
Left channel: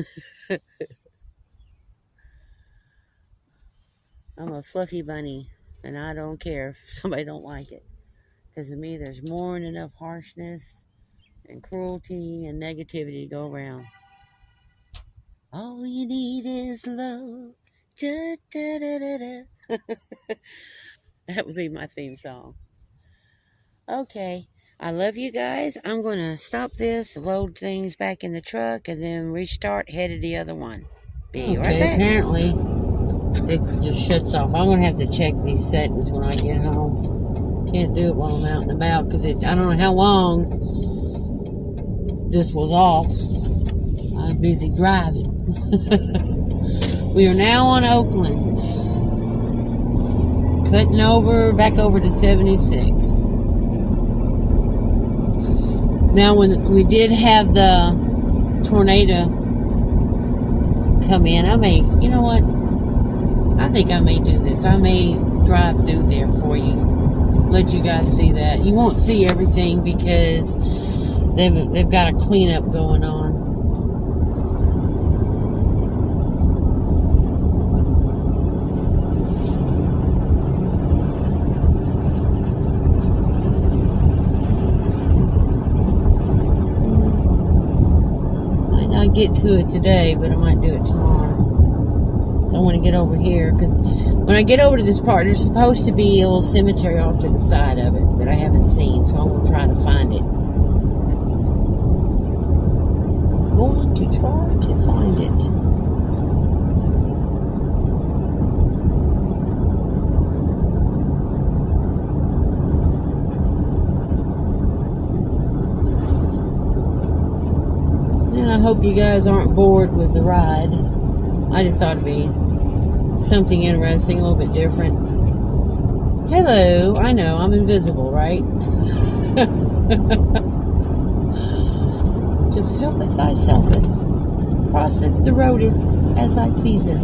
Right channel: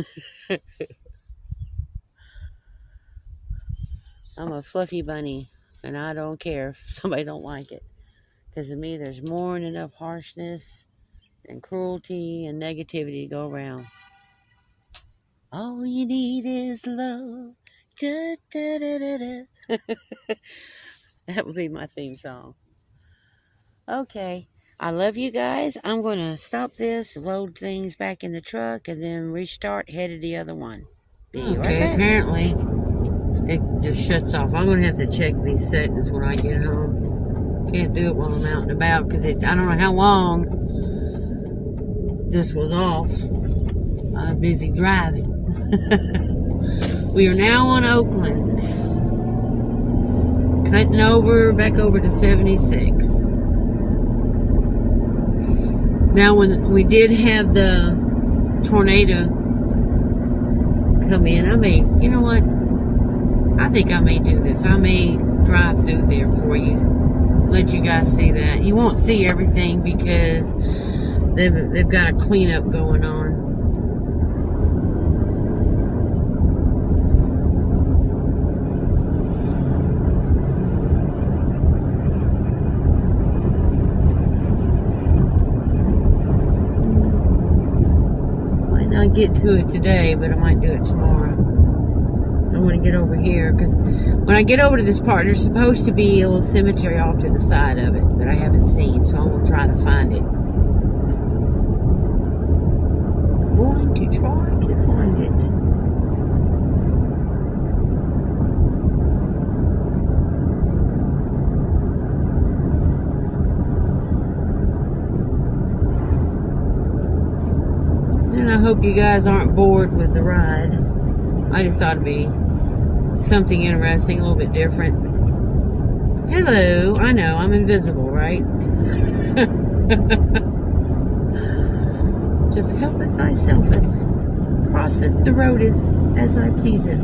I'm a fluffy bunny, and I don't care if somebody don't like it. Because to me, there's more than enough harshness and cruelty and negativity to go around. All you need is love. Da, da, da, da, da. That would be my theme song. Okay. I love you guys. I'm going to stop this, load things back in the truck, and then restart, head to the other one. Okay, right, apparently it just shuts off. I'm going to have to check these settings when I get home. Can't do it while I'm out and about because I don't know how long this was off. I'm busy driving. We are now on Oakland. Cutting over, back over to 76. Now, when we did have the tornado come in, I may, you know what? I think I may do this. I may drive through there for you. Let you guys see that. You won't see everything because they've got a cleanup going on. get to it today, but I might do it tomorrow. So I want to get over here, because when I get over to this part, there's supposed to be a little cemetery off to the side of it that I haven't seen, so I'm going to try to find it. Going to try to find it. And I hope you guys aren't bored with the ride. I just thought it'd be something interesting, a little bit different. Hello, I know, I'm invisible, right? Just helpeth thyselfeth, crosseth the roadeth as I pleaseth.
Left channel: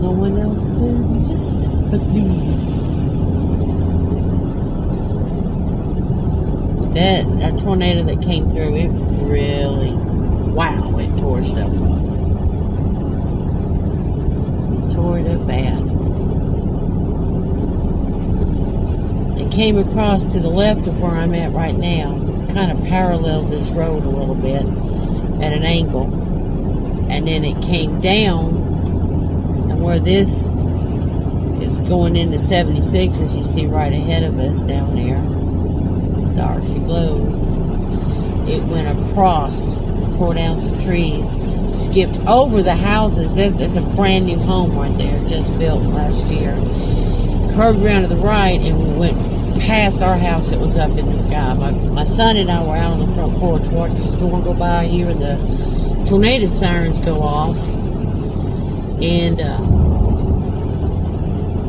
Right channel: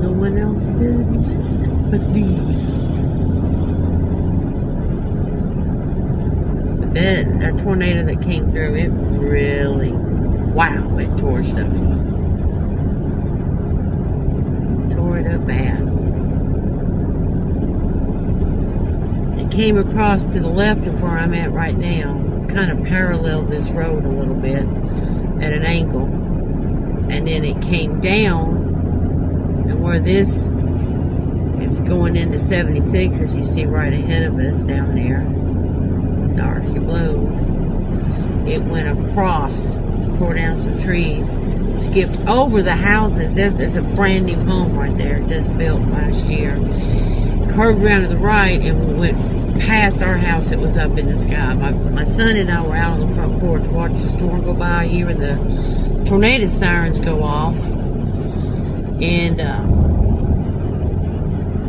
No one else existeth but thee. But that tornado that came through, it really, wow, it tore stuff up. Tore it up bad. Came across to the left of where I'm at right now, kind of paralleled this road a little bit at an angle, and then it came down, and where this is going into 76, as you see right ahead of us down there, there she blows, it went across, tore down some trees, skipped over the houses. There's a brand new home right there, just built last year, curved around to the right, and went past our house that was up in the sky. My son and I were out on the front porch watching the storm go by, hearing the tornado sirens go off, and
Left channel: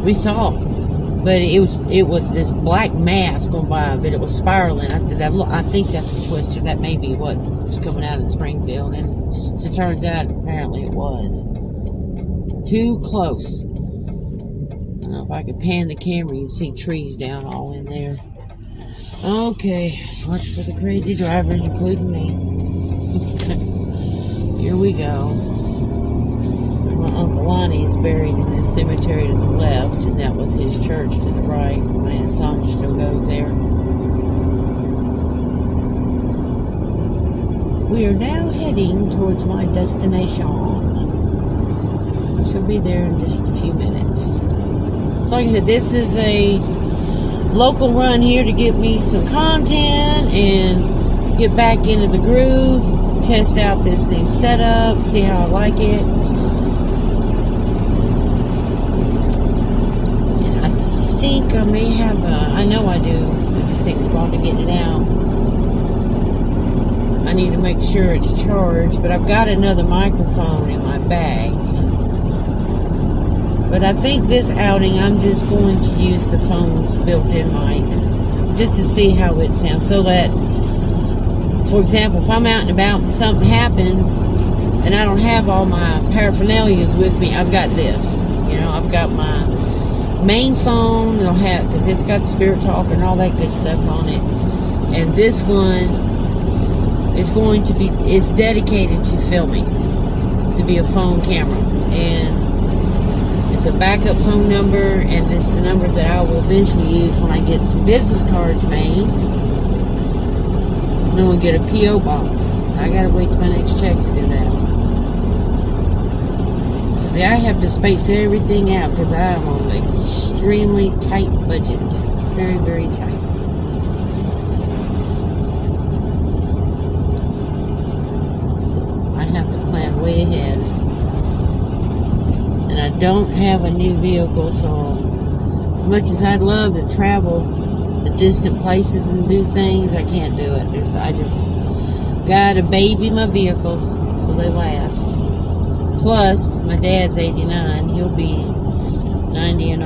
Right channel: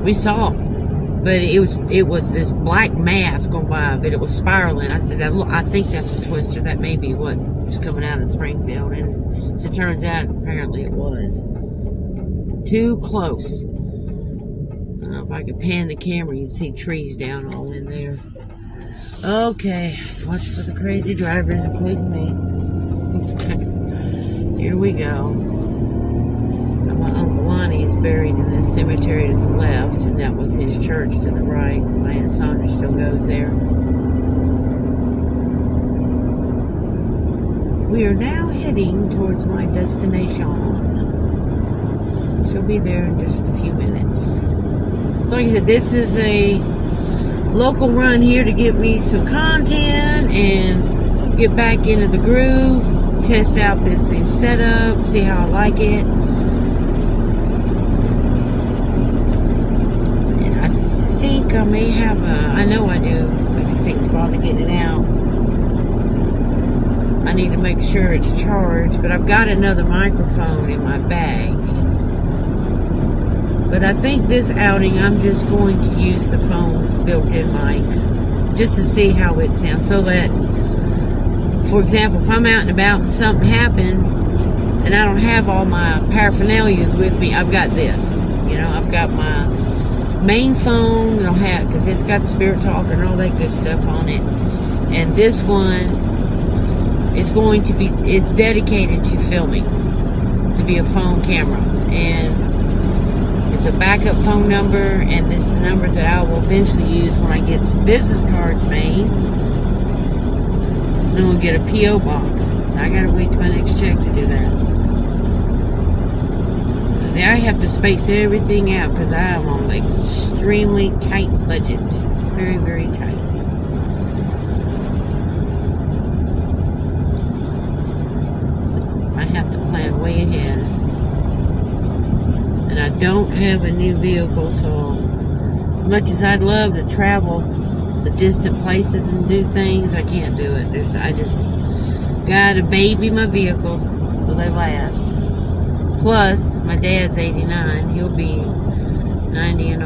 we saw, but it was this black mass going by, but it was spiraling. I said, I think that's a twister. That may be what's coming out of Springfield, and as it turns out, apparently it was too close. I don't know if I could pan the camera, you can see trees down all in there. Okay, watch for the crazy drivers, including me. Here we go. And my Uncle Lonnie is buried in this cemetery to the left, and that was his church to the right. My Aunt Sandra still goes there. We are now heading towards my destination. She'll be there in just a few minutes. So like I said, this is a local run here to get me some content and get back into the groove, test out this new setup, see how I like it. And I think I may have I know I do, I just take the ball to get it out. I need to make sure it's charged, but I've got another microphone in my bag. But I think this outing, I'm just going to use the phone's built-in mic just to see how it sounds. So that, for example, if I'm out and about and something happens and I don't have all my paraphernalias with me, I've got this. You know, I've got my main phone, it'll have, because it's got Spirit Talk and all that good stuff on it. And this one is going to be, it's dedicated to filming, to be a phone camera. And it's a backup phone number, and it's the number that I will eventually use when I get some business cards made. Then we'll get a P.O. box. I gotta wait till my next check to do that. So see, I have to space everything out because I am on an extremely tight budget. Very, very tight. So I have to plan way ahead. And I don't have a new vehicle, so as much as I'd love to travel to distant places and do things, I can't do it. I just gotta baby my vehicles so they last. Plus, my dad's 89. He'll be 90 in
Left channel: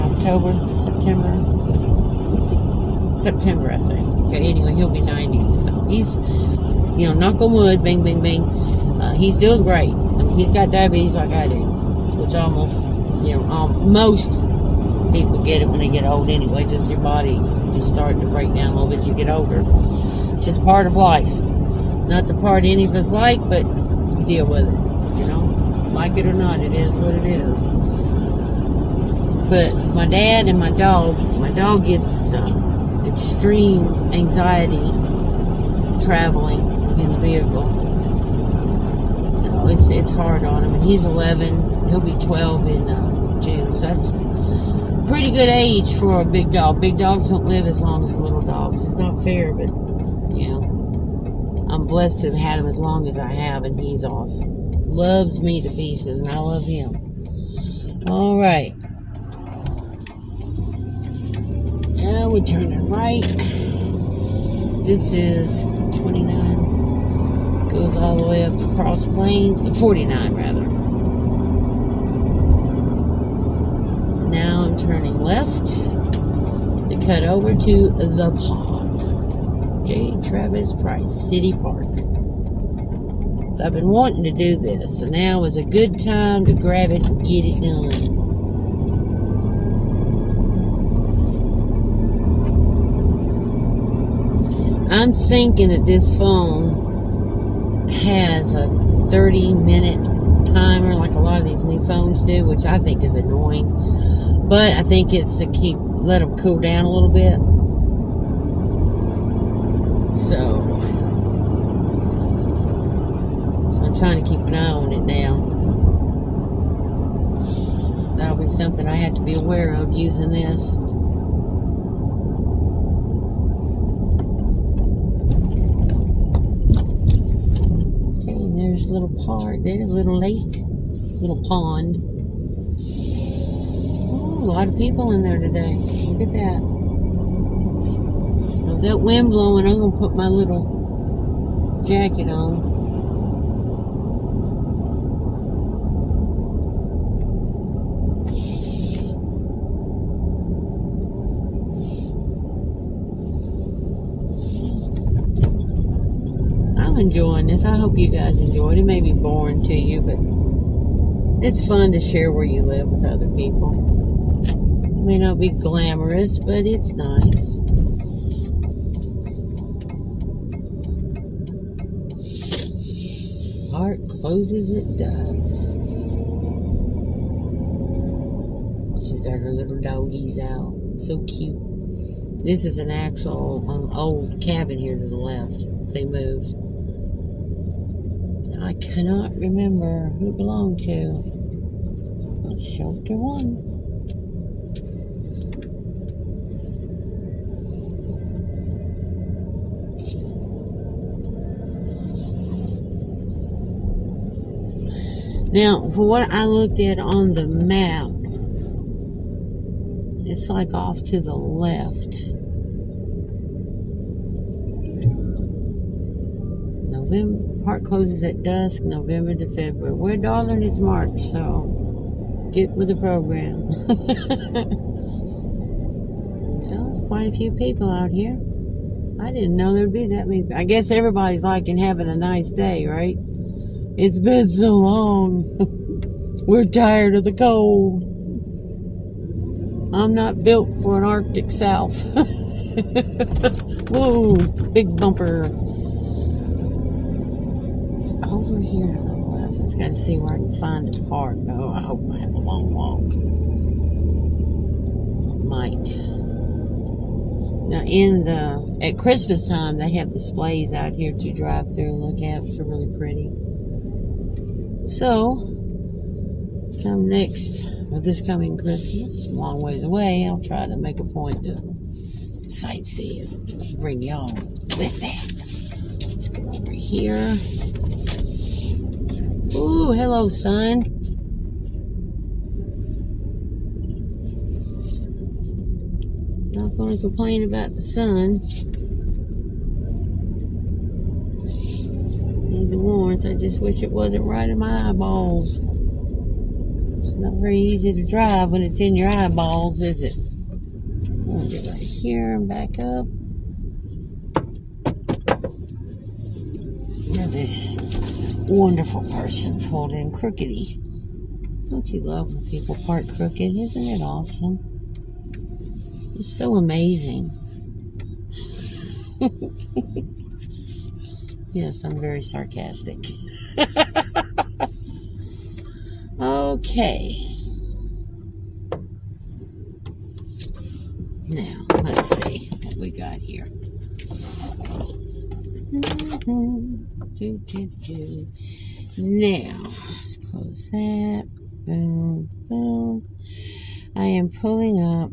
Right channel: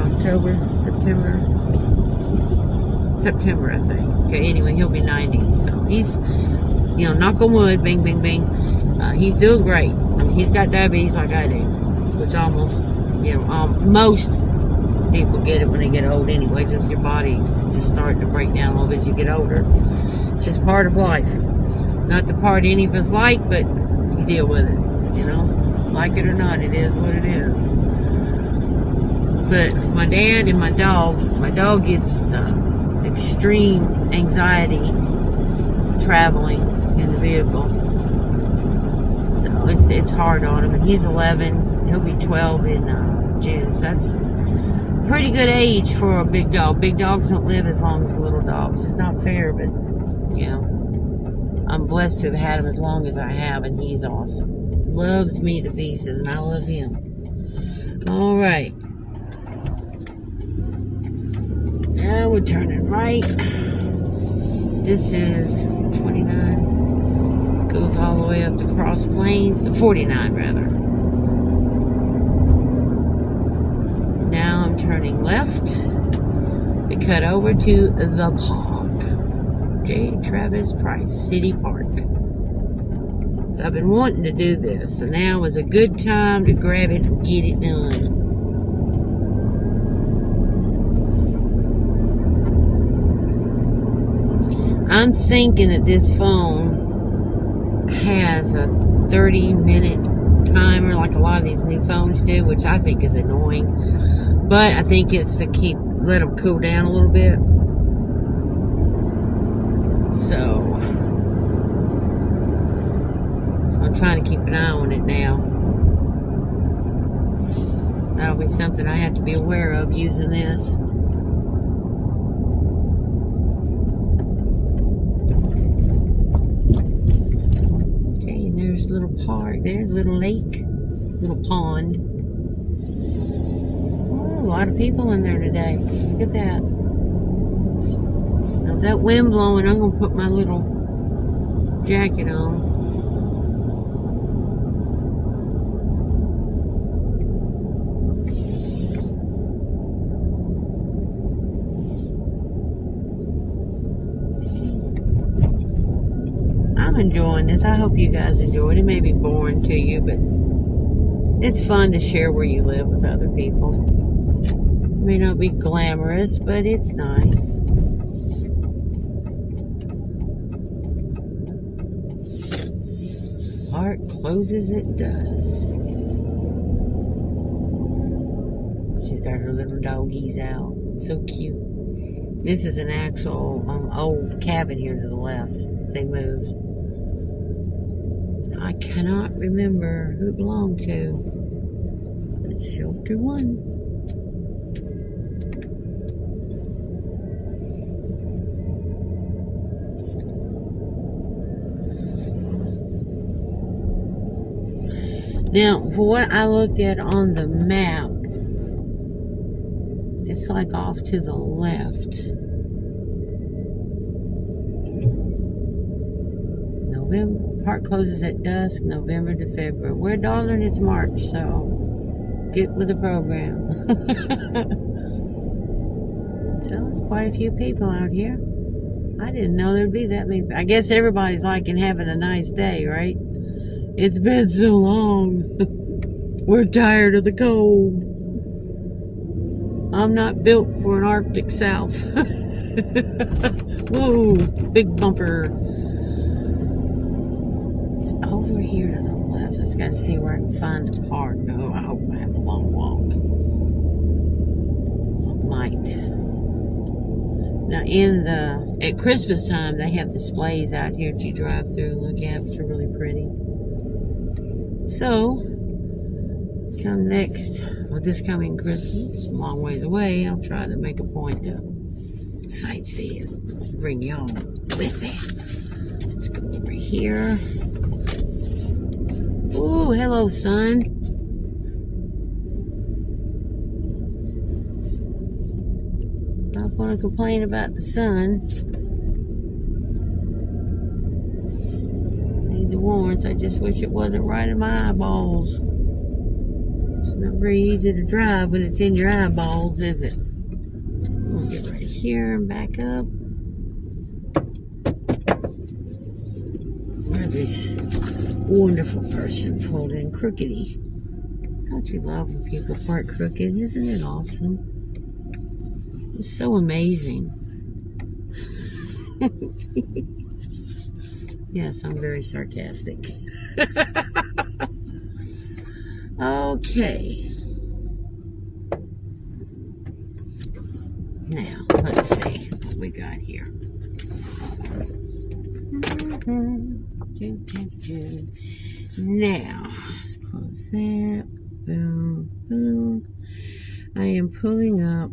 September, I think. Okay, anyway, he'll be 90. So he's, knock on wood, bing, bing, bing. He's doing great. I mean, he's got diabetes like I do. Which almost, most people get it when they get old anyway. Just your body's just starting to break down a little bit as you get older. It's just part of life. Not the part any of us like, but you deal with it. Like it or not, it is what it is. But with my dad and my dog gets extreme anxiety traveling in the vehicle. So it's hard on him. And he's 11. He'll be 12 in June. So that's pretty good age for a big dog. Big dogs don't live as long as little dogs. It's not fair, but you know, I'm blessed to have had him as long as I have, and he's awesome. Loves me to pieces, and I love him. All right. Now we're turning right. This is 29. Goes all the way up to Cross Plains, 49 rather. Now I'm turning left to cut over to the park. J. Travis Price City Park. So I've been wanting to do this, and now is a good time to grab it and get it done. I'm thinking that this phone has a 30-minute timer like a lot of these new phones do, which I think is annoying. But I think it's to let them cool down a little bit. So I'm trying to keep an eye on it now. That'll be something I have to be aware of using this. There's a little park. There's a little lake. Little pond. Oh, a lot of people in there today. Look at that. Now, that wind blowing, I'm going to put my little jacket on. Enjoying this. I hope you guys enjoy it. It may be boring to you, but it's fun to share where you live with other people. It may not be glamorous, but it's nice. Park closes at dusk. She's got her little doggies out. So cute. This is an actual old cabin here to the left. They moved. I cannot remember who it belonged to. It's Shelter 1. Now, for what I looked at on the map, it's like off to the left. November. Park closes at dusk, November to February. We're darling, it's March, so get with the program. So there's quite a few people out here. I didn't know there'd be that many. I guess everybody's liking having a nice day, right? It's been so long. We're tired of the cold. I'm not built for an Arctic South. Whoa, big bumper. It's over here to the left. I just got to see where I can find a park. Oh, I hope I have a long walk. I might. Now, at Christmas time, they have displays out here that you drive through and look at, which are really pretty. So, this coming Christmas, a long ways away, I'll try to make a point to sightsee and bring y'all with me. Let's go over here. Ooh, hello, sun. Not going to complain about the sun. Need the warmth. I just wish it wasn't right in my eyeballs. It's not very easy to drive when it's in your eyeballs, is it? We'll get right here and back up. Where this wonderful person pulled in crookedy. Don't you love when people park crooked? Isn't it awesome? It's so amazing. Yes, I'm very sarcastic. Okay. Now, let's see what we got here. Now, let's close that. Boom, boom. I am pulling up.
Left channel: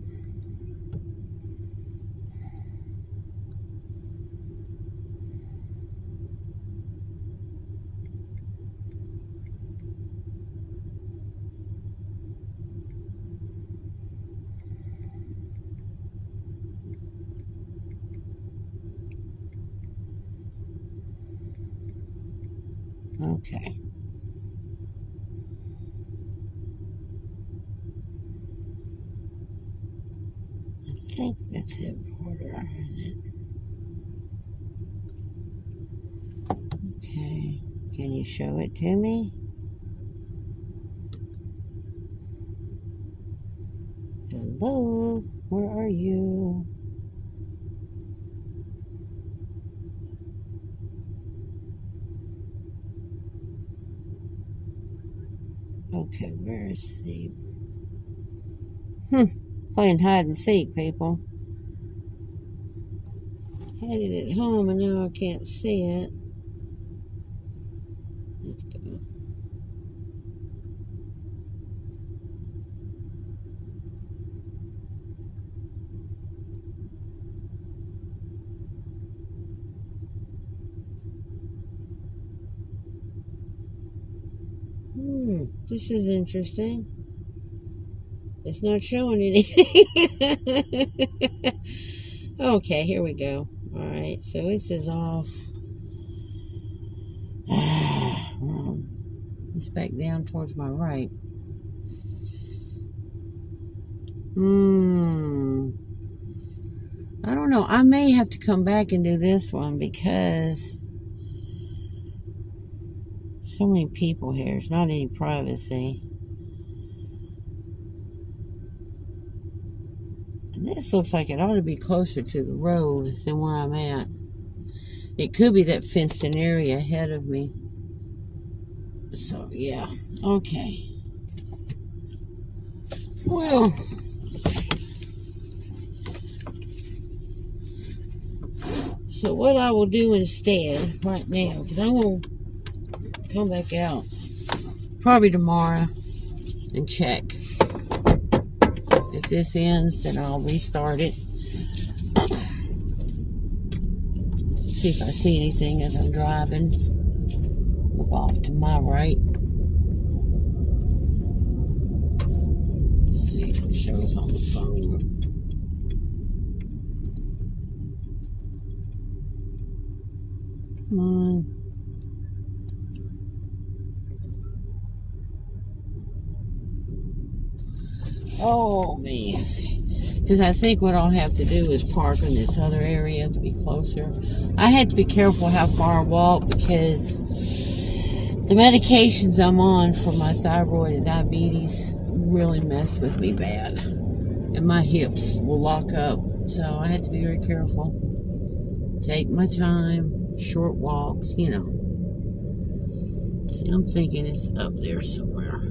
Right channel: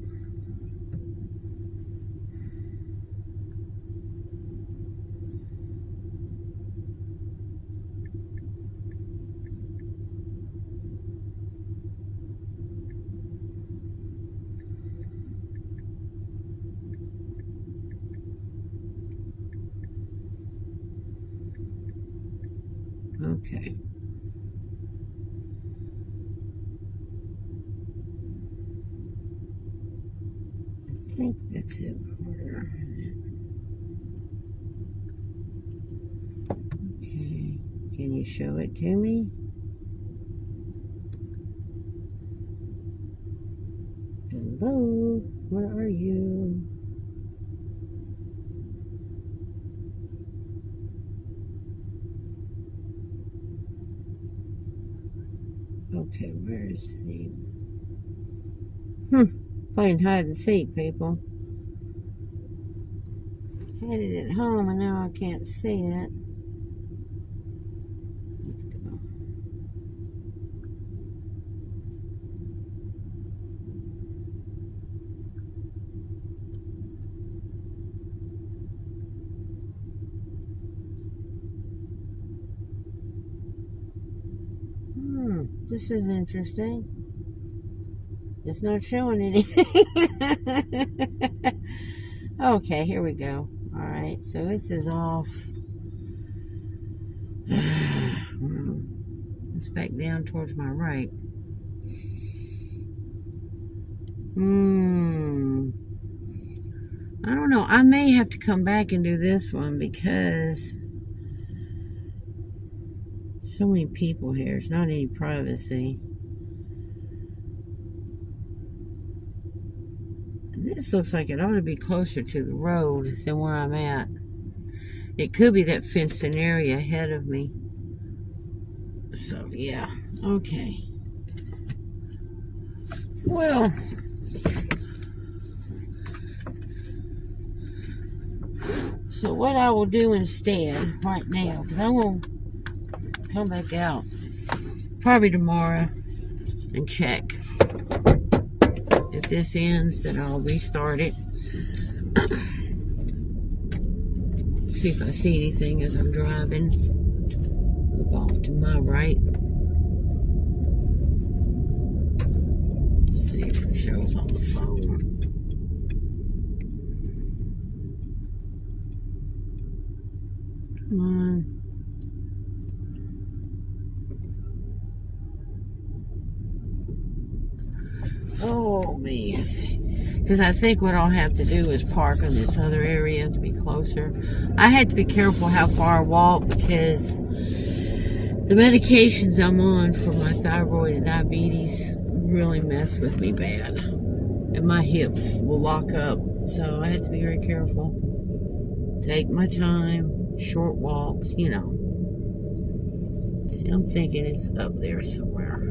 Okay. I think that's it. Order. Okay. Can you show it to me? Hello? Where are you? Okay, where's the... Playing hide and seek, people. Had it at home and now I can't see it. Let's go. This is interesting. It's not showing anything. Okay, here we go. Alright, so this is off. It's back down towards my right. I don't know. I may have to come back and do this one because so many people here. There's not any privacy. And this looks like it ought to be closer to the road than where I'm at. It could be that fenced-in area ahead of me. So, yeah. Okay. Well, so what I will do instead right now, because I'm going to come back out probably tomorrow and check. If this ends, then I'll restart it. See if I see anything as I'm driving. Look off to my right. Let's see if it shows on the phone. Come on. Oh, man. Because I think what I'll have to do is park in this other area to be closer. I had to be careful how far I walk because the medications I'm on for my thyroid and diabetes really mess with me bad. And my hips will lock up. So I had to be very careful. Take my time. Short walks, you know. See, I'm thinking it's up there somewhere.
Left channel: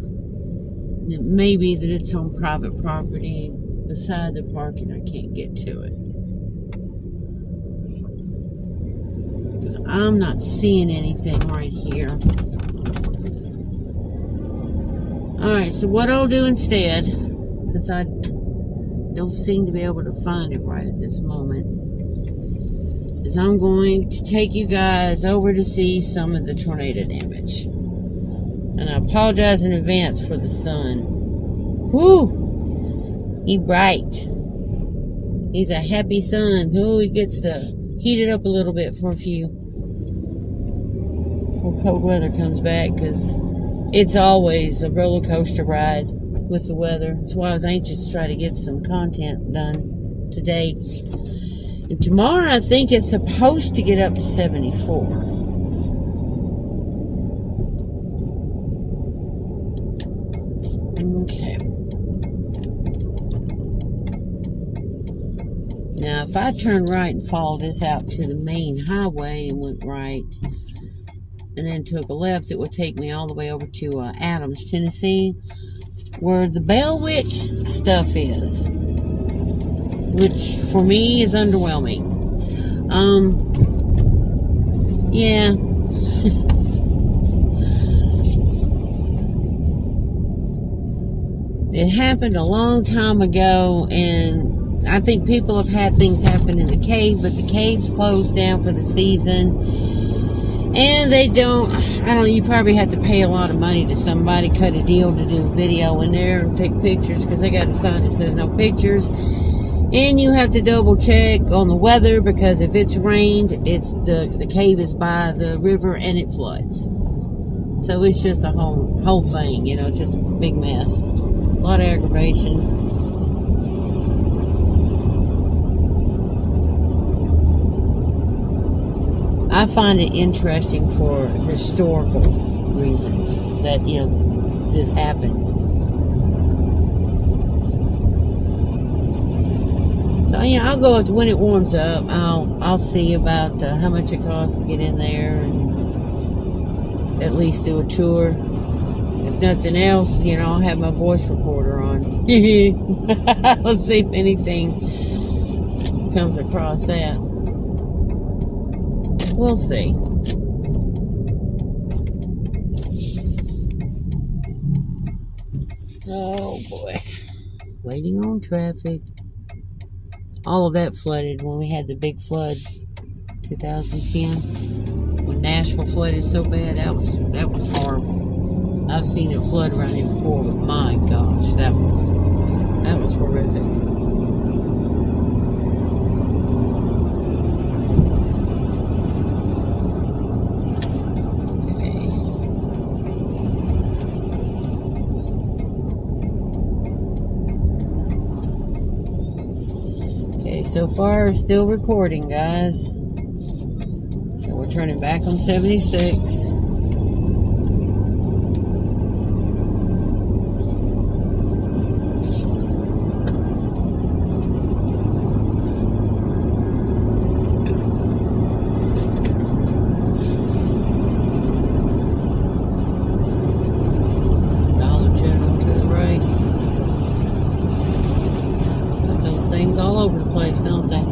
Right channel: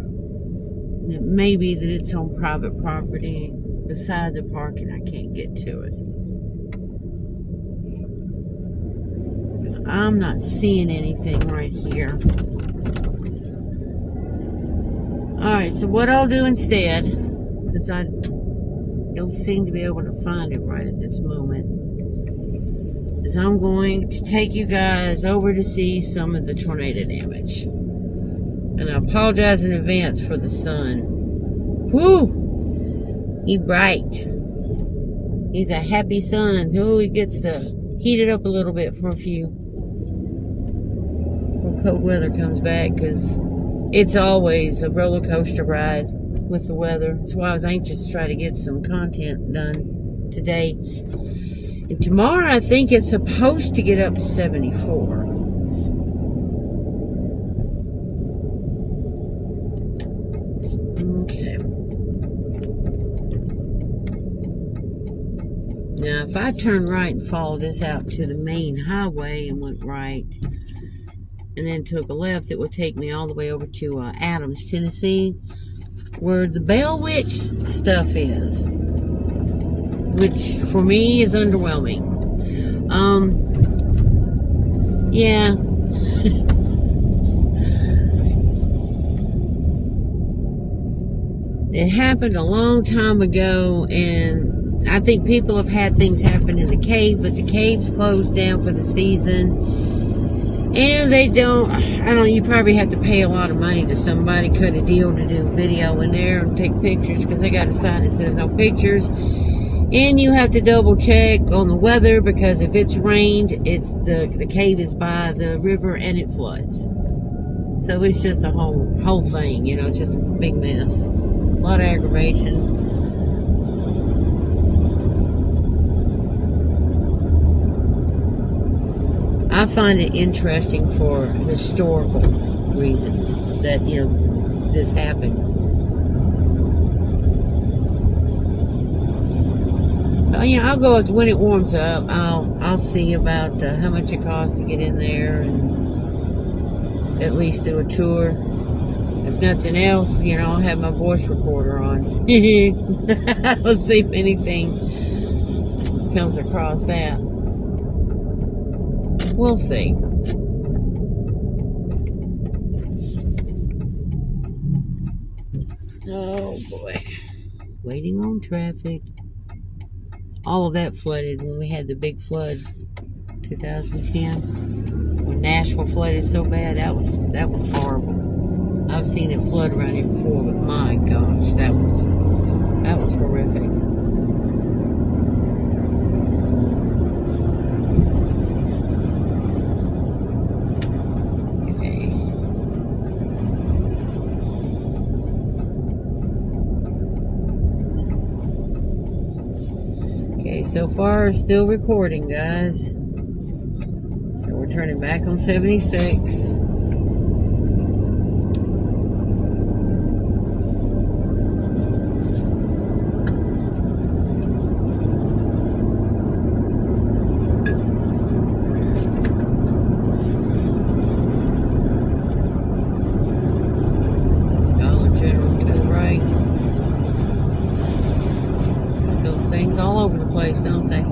It may be that it's on private property. Beside the parking, I can't get to it. Because I'm not seeing anything right here. Alright, so what I'll do instead, since I don't seem to be able to find it right at this moment, is I'm going to take you guys over to see some of the tornado damage. And I apologize in advance for the sun. Whoo! He bright. He's a happy sun. Oh, he gets to heat it up a little bit for a few. When cold weather comes back, because it's always a roller coaster ride with the weather. That's why I was anxious to try to get some content done today. And tomorrow, I think it's supposed to get up to 74. Okay. Now, if I turn right and followed this out to the main highway and went right, and then took a left, it would take me all the way over to Adams, Tennessee, where the Bell Witch stuff is, which for me is underwhelming. happened a long time ago, and I think people have had things happen in the cave, but the cave's closed down for the season. And they don't, you probably have to pay a lot of money to somebody, cut a deal to do video in there and take pictures, because they got a sign that says no pictures. And you have to double check on the weather, because if it's rained, the cave is by the river and it floods. So it's just a whole thing, it's just a big mess. A lot of aggravation. I find it interesting for historical reasons that, this happened. So, I'll go up when it warms up. I'll see about how much it costs to get in there and at least do a tour. If nothing else, I'll have my voice recorder on. I'll see if anything comes across that. We'll see. Oh boy. Waiting on traffic. All of that flooded when we had the big flood 2010. When Nashville flooded so bad, that was horrible. I've seen it flood around here before, but my gosh, that was horrific. So far, still recording, guys. So we're turning back on 76. Dollar General to the right. Got those things all over the place, don't they?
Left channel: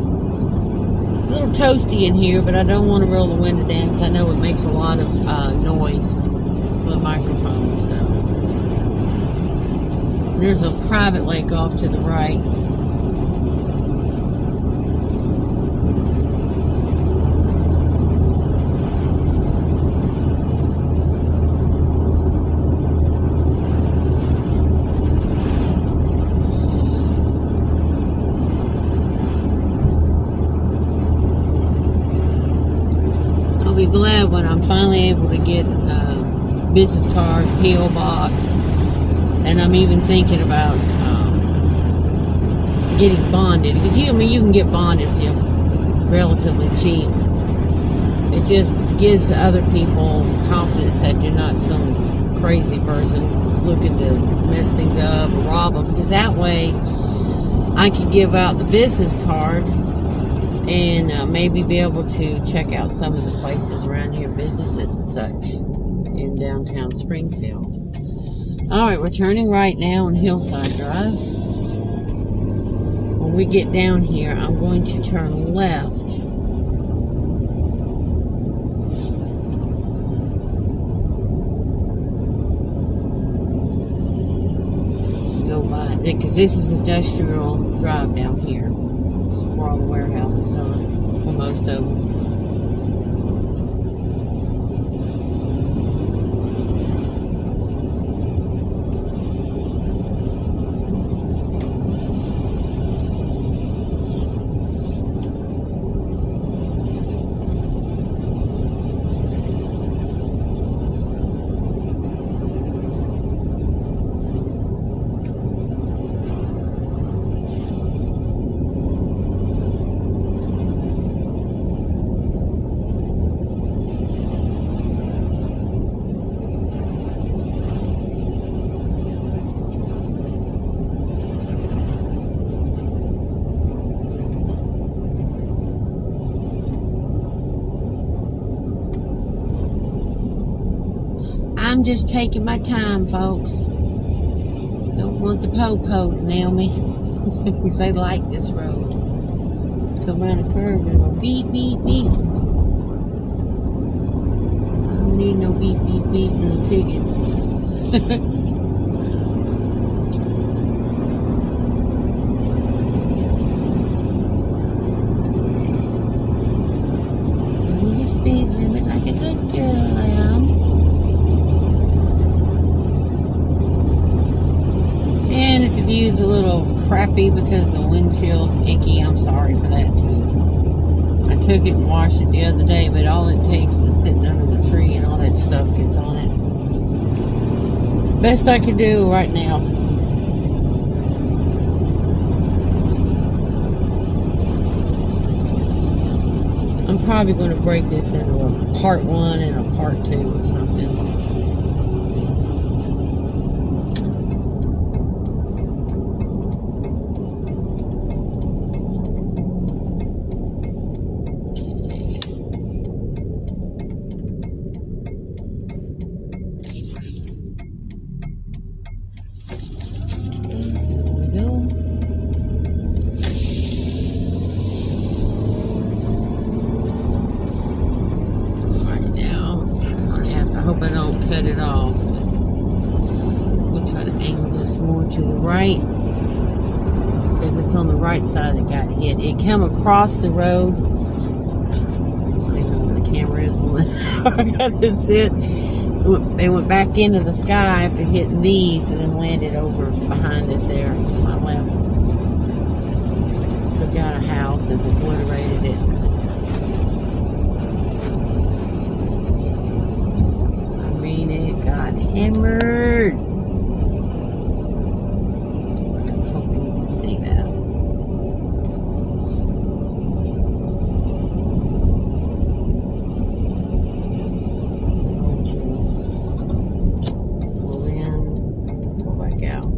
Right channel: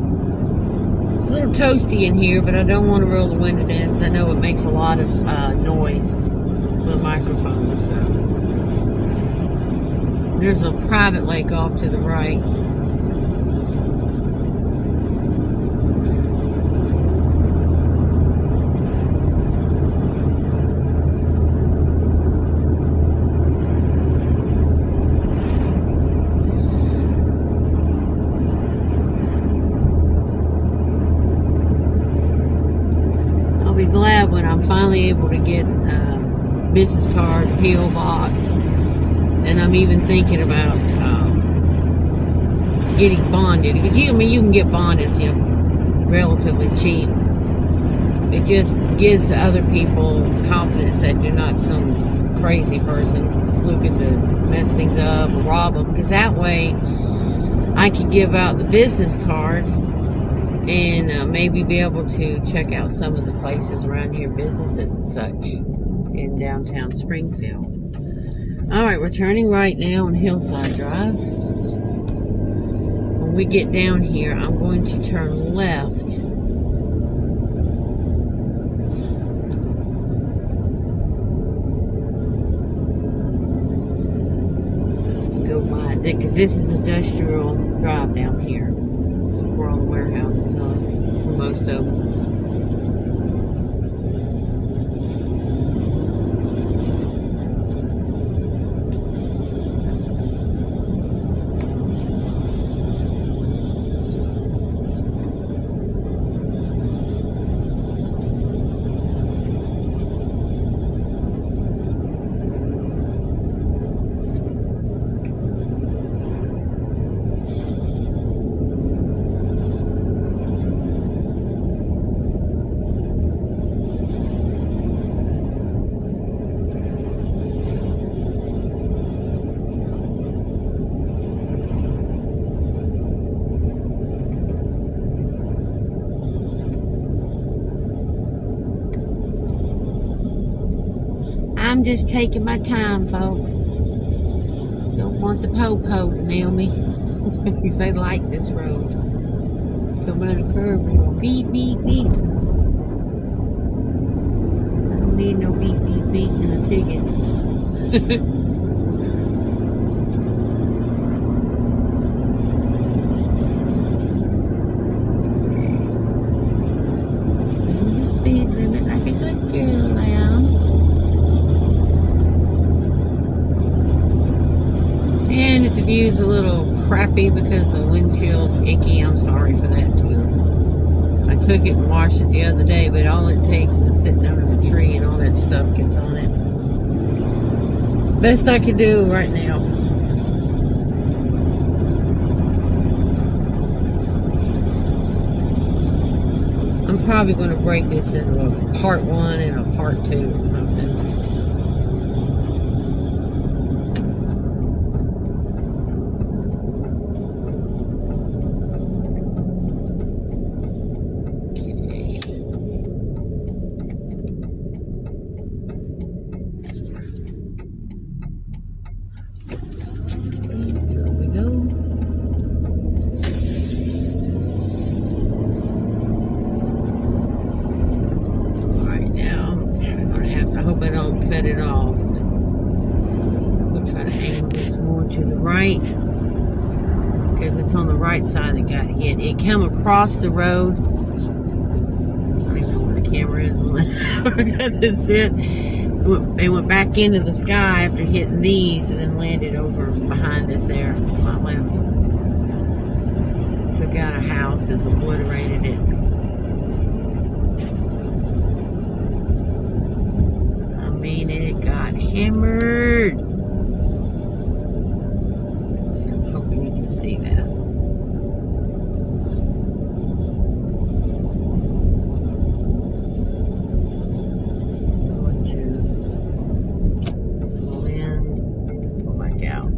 It's a little toasty in here, but I don't want to roll the window down because I know it makes a lot of noise with the microphone. So there's a private lake off to the right. Glad when I'm finally able to get business card, P.O. box, and I'm even thinking about getting bonded, because you can get bonded if you're relatively cheap. It just gives other people confidence that you're not some crazy person looking to mess things up or rob them, because that way I can give out the business card and maybe be able to check out some of the places around here, businesses and such, in downtown Springfield. Alright, we're turning right now on Hillside Drive. When we get down here, I'm going to turn left. Go by, because this is industrial drive down here. This is where all the warehouses are. Well, most of them. I'm just taking my time, folks. Don't want the po-po to nail me. Because they like this road. Come around a curve and go beep, beep, beep. I don't need no beep, beep, beep and a ticket. speed limit like a good girl I am. And if the view's a little crappy because the windshield's icky, I'm sorry for that too. I took it and washed it the other day, but all it takes is sitting under the tree and all that stuff gets on it. Best I could do right now. I'm probably going to break this into a part 1 and a part 2 or something. Cut it off, but we'll try to angle this more to the right because it's on the right side that got hit. It came across the road. I don't even know where the camera is on that. I got this hit. They went back into the sky after hitting these and then landed over behind us there to my left. Took out a house, just obliterated it. It got hammered. I'm hoping you can see that. I'm going to pull in, pull back out.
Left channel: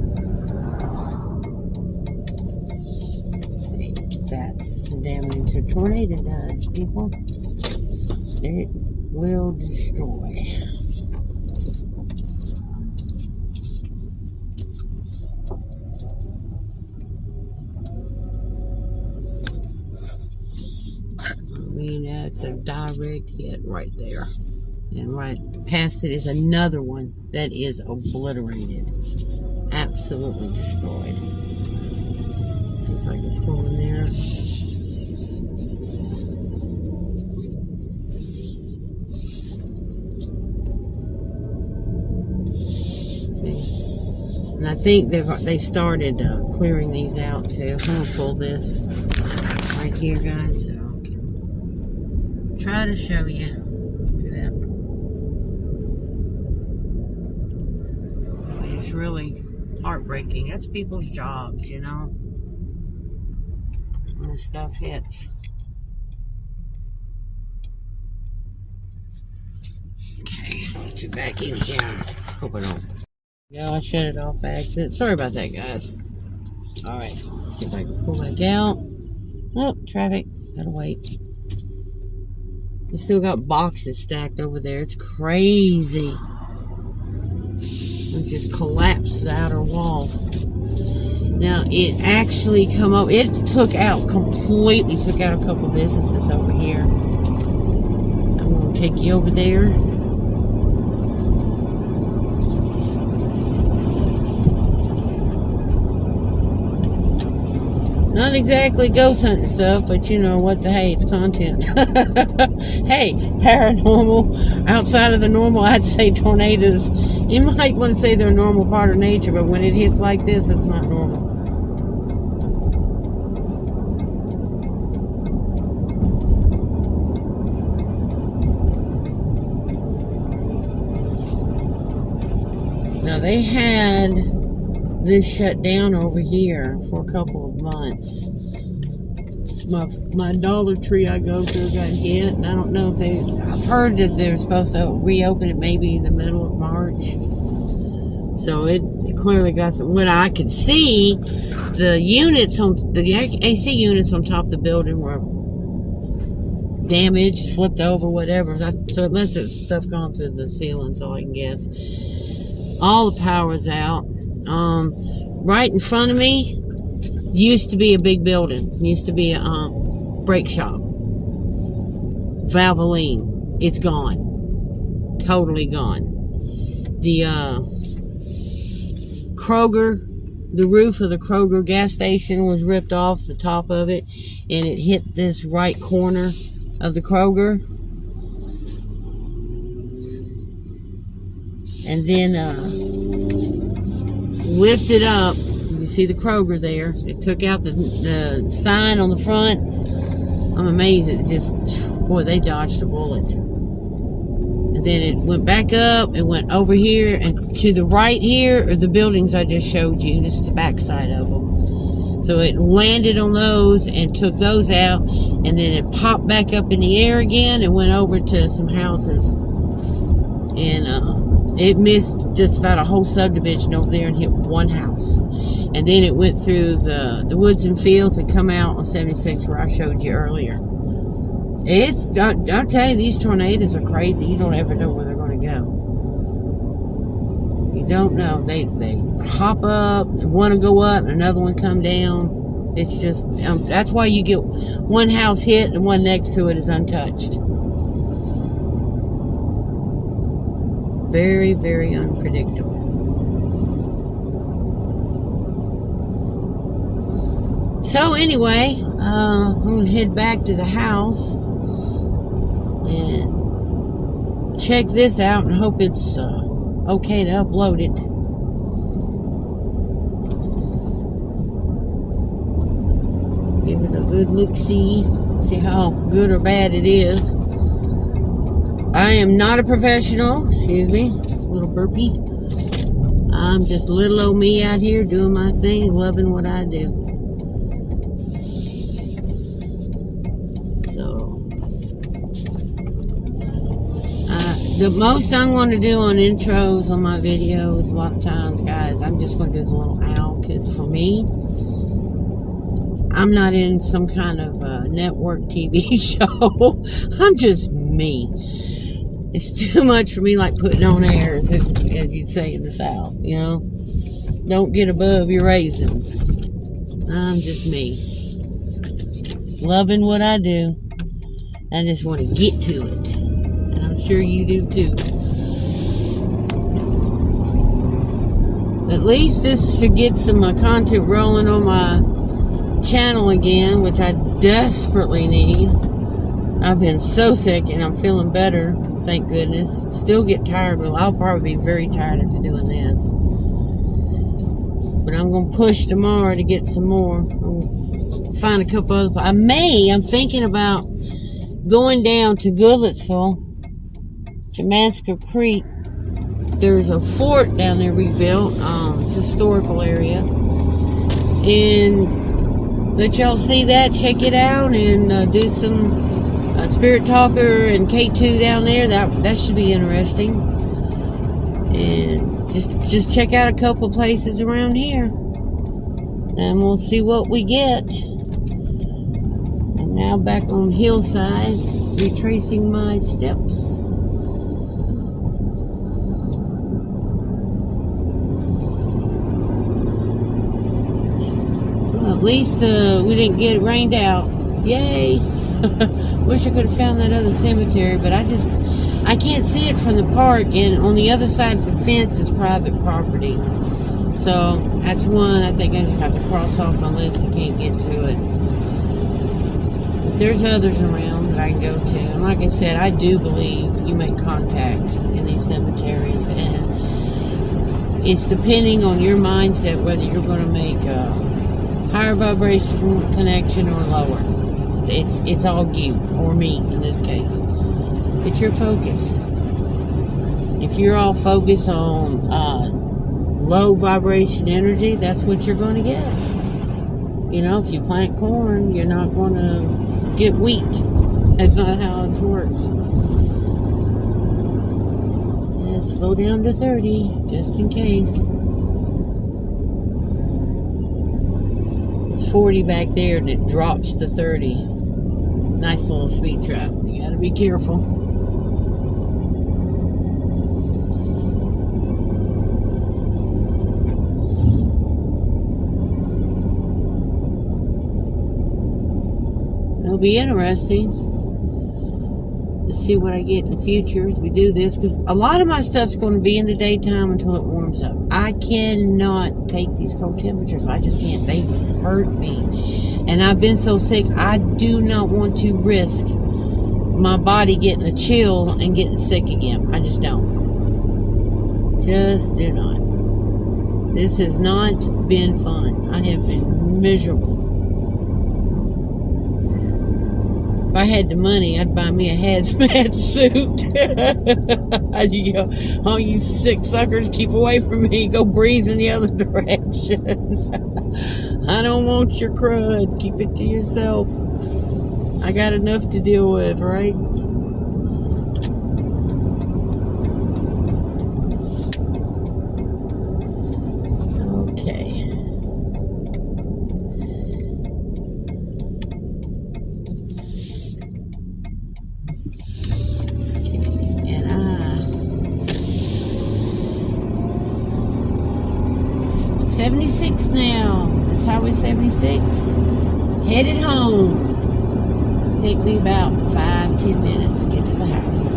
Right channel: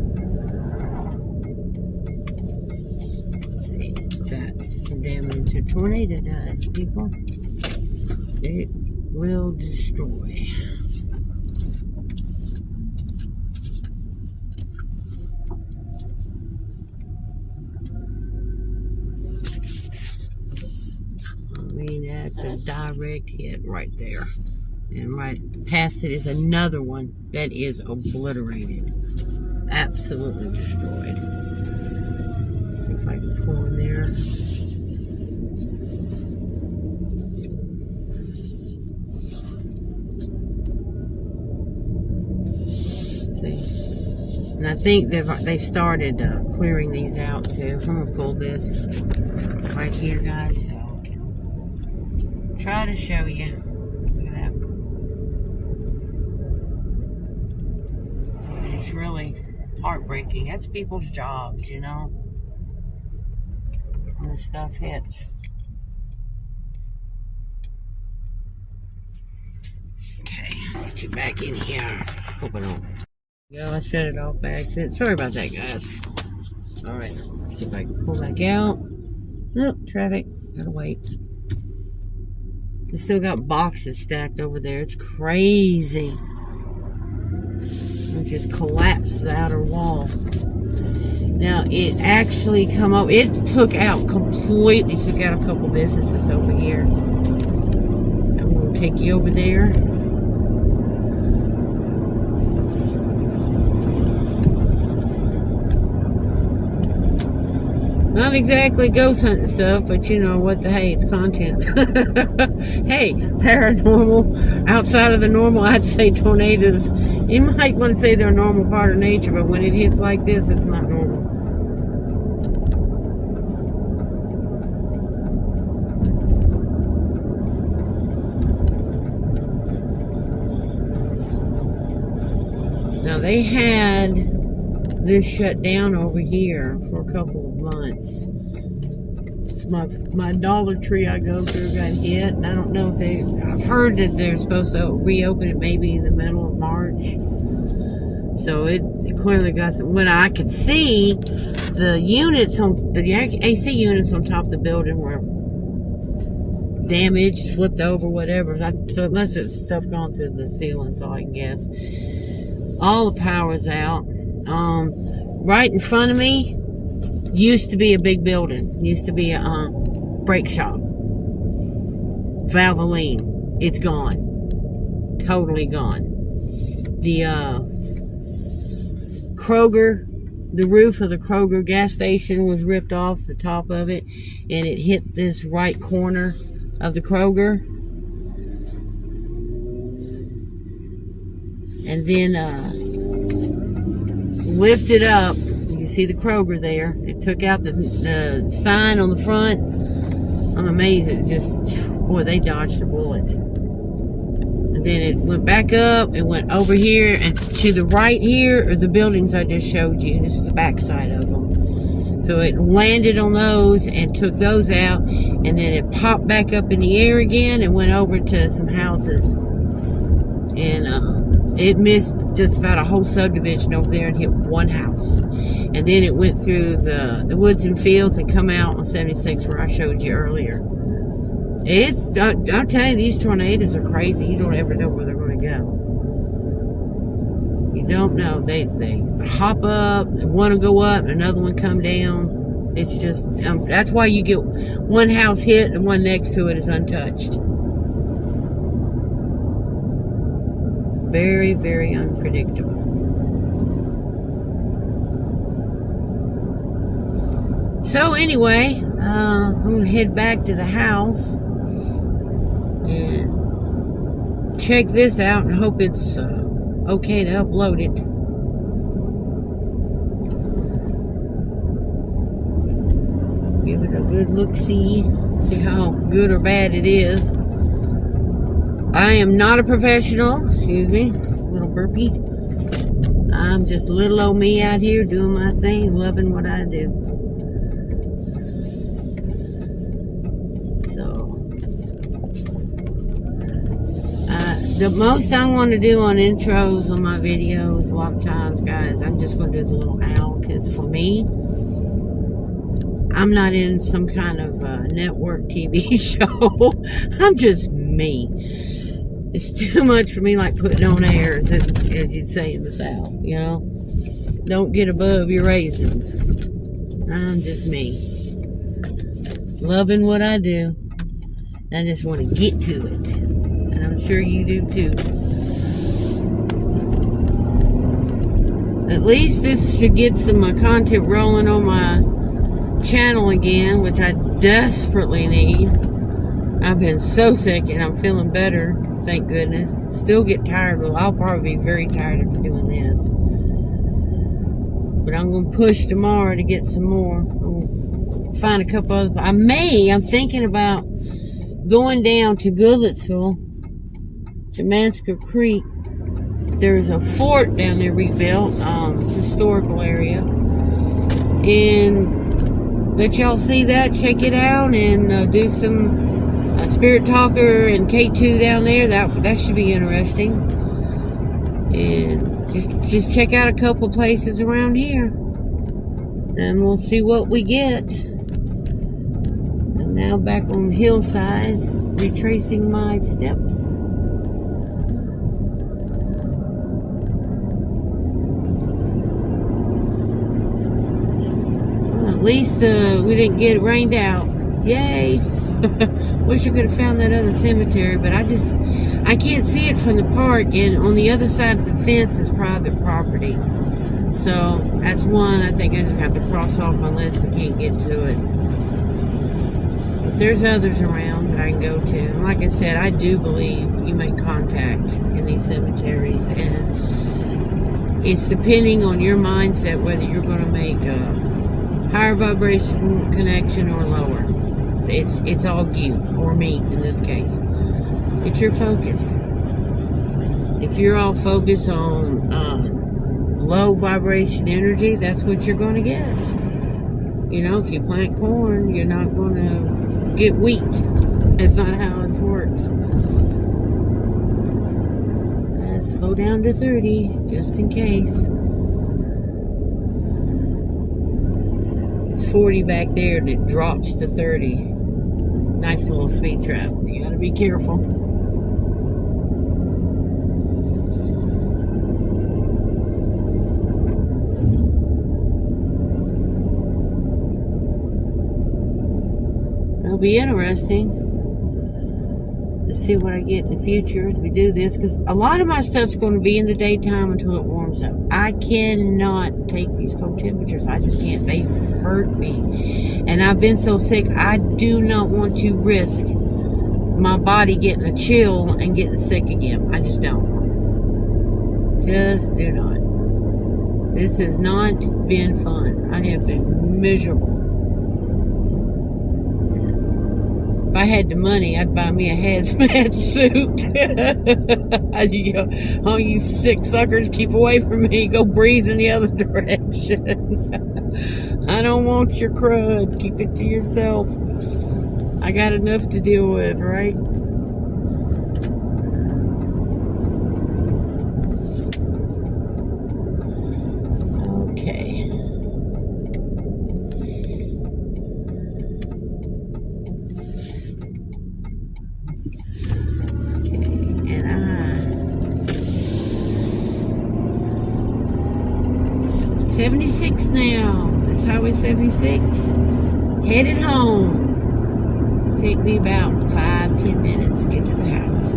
Let's see. That's the damage a tornado does, people. It will destroy. That's a direct hit right there. And right past it is another one that is obliterated. Absolutely destroyed. Let's see if I can pull in there. See? And I think they started clearing these out too. I'm going to pull this right here, guys. Try to show you. Look at that. It's really heartbreaking. That's people's jobs, you know. When the stuff hits. Okay, get you back in here. Hope I don't. Yeah, I shut it off by accident. Sorry about that, guys. Alright, see if I can pull back out. Nope, traffic. Gotta wait. We still got boxes stacked over there. It's crazy. It just collapsed the outer wall. Now, it actually it completely took out a couple businesses over here. I'm going to take you over there. Not exactly ghost hunting stuff, but you know what hey, it's content. Hey, paranormal, outside of the normal, I'd say tornadoes. You might want to say they're a normal part of nature, but when it hits like this, it's not normal. Now, they had this shut down over here for a couple of months. It's my Dollar Tree I go through got hit, and I don't know if I've heard that they're supposed to reopen it maybe in the middle of March. So it clearly got some. When I could see, the AC units on top of the building were damaged, flipped over, whatever. So it must have stuff gone through the ceiling, so I can guess. All the power's out. Right in front of me used to be a big building. Used to be a brake shop. Valvoline. It's gone. Totally gone. The Kroger, the roof of the Kroger gas station was ripped off the top of it, and it hit this right corner of the Kroger. and then lifted up. You can see the Kroger there. It took out the sign on the front. I'm amazed. It just, boy, they dodged a bullet. And then it went back up. It went over here, and to the right here are the buildings I just showed you. This is the back side of them. So it landed on those and took those out, and then it popped back up in the air again and went over to some houses. And it missed just about a whole subdivision over there and hit one house. And then it went through the woods and fields and come out on 76 where I showed you earlier. I'll tell you, these tornadoes are crazy. You don't ever know where they're going to go. You don't know. They hop up, and one will go up, and another one come down. It's just, that's why you get one house hit and one next to it is untouched. Very, very unpredictable. So anyway, I'm going to head back to the house and check this out and hope it's okay to upload it. Give it a good look-see. See how good or bad it is. I am not a professional. Excuse me. Little burpee. I'm just little old me out here doing my thing, loving what I do. The most I'm going to do on intros on my videos, a lot of times, guys, I'm just going to do the little owl, because for me, I'm not in some kind of network TV show. I'm just me. It's too much for me, like putting on air, as you'd say in the South, you know. Don't get above your raising. I'm just me. Loving what I do. I just want to get to it. I'm sure you do too. At least this should get some content rolling on my channel again, which I desperately need. I've been so sick and I'm feeling better, thank goodness. Still get tired. Well, I'll probably be very tired after doing this. But I'm going to push tomorrow to get some more. I'm going to find a couple other... I'm thinking about going down to Goodlettsville, Damascus Creek. There's a fort down there rebuilt. It's a historical area. And let y'all see that, check it out, and do some Spirit Talker and K2 down there. That should be interesting. And just check out a couple places around here. And we'll see what we get. I'm now back on Hillside, retracing my steps. At least we didn't get rained out. Yay! Wish I could have found that other cemetery, but I can't see it from the park, and on the other side of the fence is private property. So that's one I think I just have to cross off my list. I can't get to it. But there's others around that I can go to. And like I said, I do believe you make contact in these cemeteries, and it's depending on your mindset whether you're going to make a higher vibration connection or lower. It's all you or me in this case. It's your focus. If you're all focused on low vibration energy, that's what you're going to get. You know, if you plant corn, you're not going to get wheat. That's not how it works. Let's slow down to 30 just in case. It's 40 back there and it drops to 30. Nice little speed trap. You gotta be careful. It'll be interesting. Let's see what I get in the future as we do this, because a lot of my stuff's going to be in the daytime until it warms up. I cannot take these cold temperatures. I just can't. They hurt me. And I've been so sick, I do not want to risk my body getting a chill and getting sick again. I just don't. Just do not. This has not been fun. I have been miserable. If I had the money, I'd buy me a hazmat suit. All you sick suckers, keep away from me. Go breathe in the other direction. I don't want your crud. Keep it to yourself. I got enough to deal with, right? Okay. And 76 now. This Highway 76. Headed home. Take me about 5-10 minutes to get to the house.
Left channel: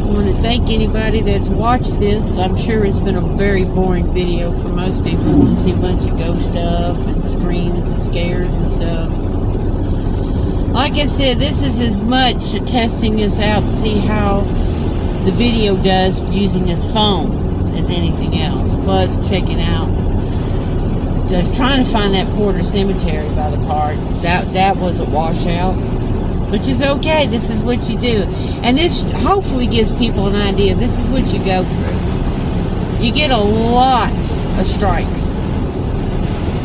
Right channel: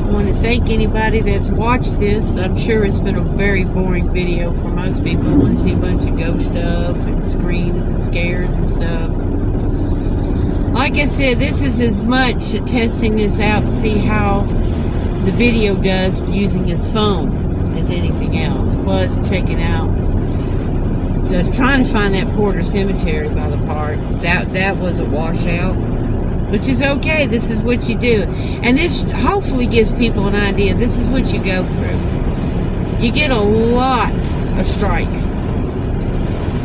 I want to thank anybody that's watched this. I'm sure it's been a very boring video for most people who want to see a bunch of ghost stuff and screams and scares and stuff. Like I said, this is as much testing this out to see how the video does using his phone as anything else. Plus checking out, just trying to find that Porter Cemetery by the park. That was a washout, which is okay. This is what you do, and this hopefully gives people an idea. This is what you go through. You get a lot of strikes.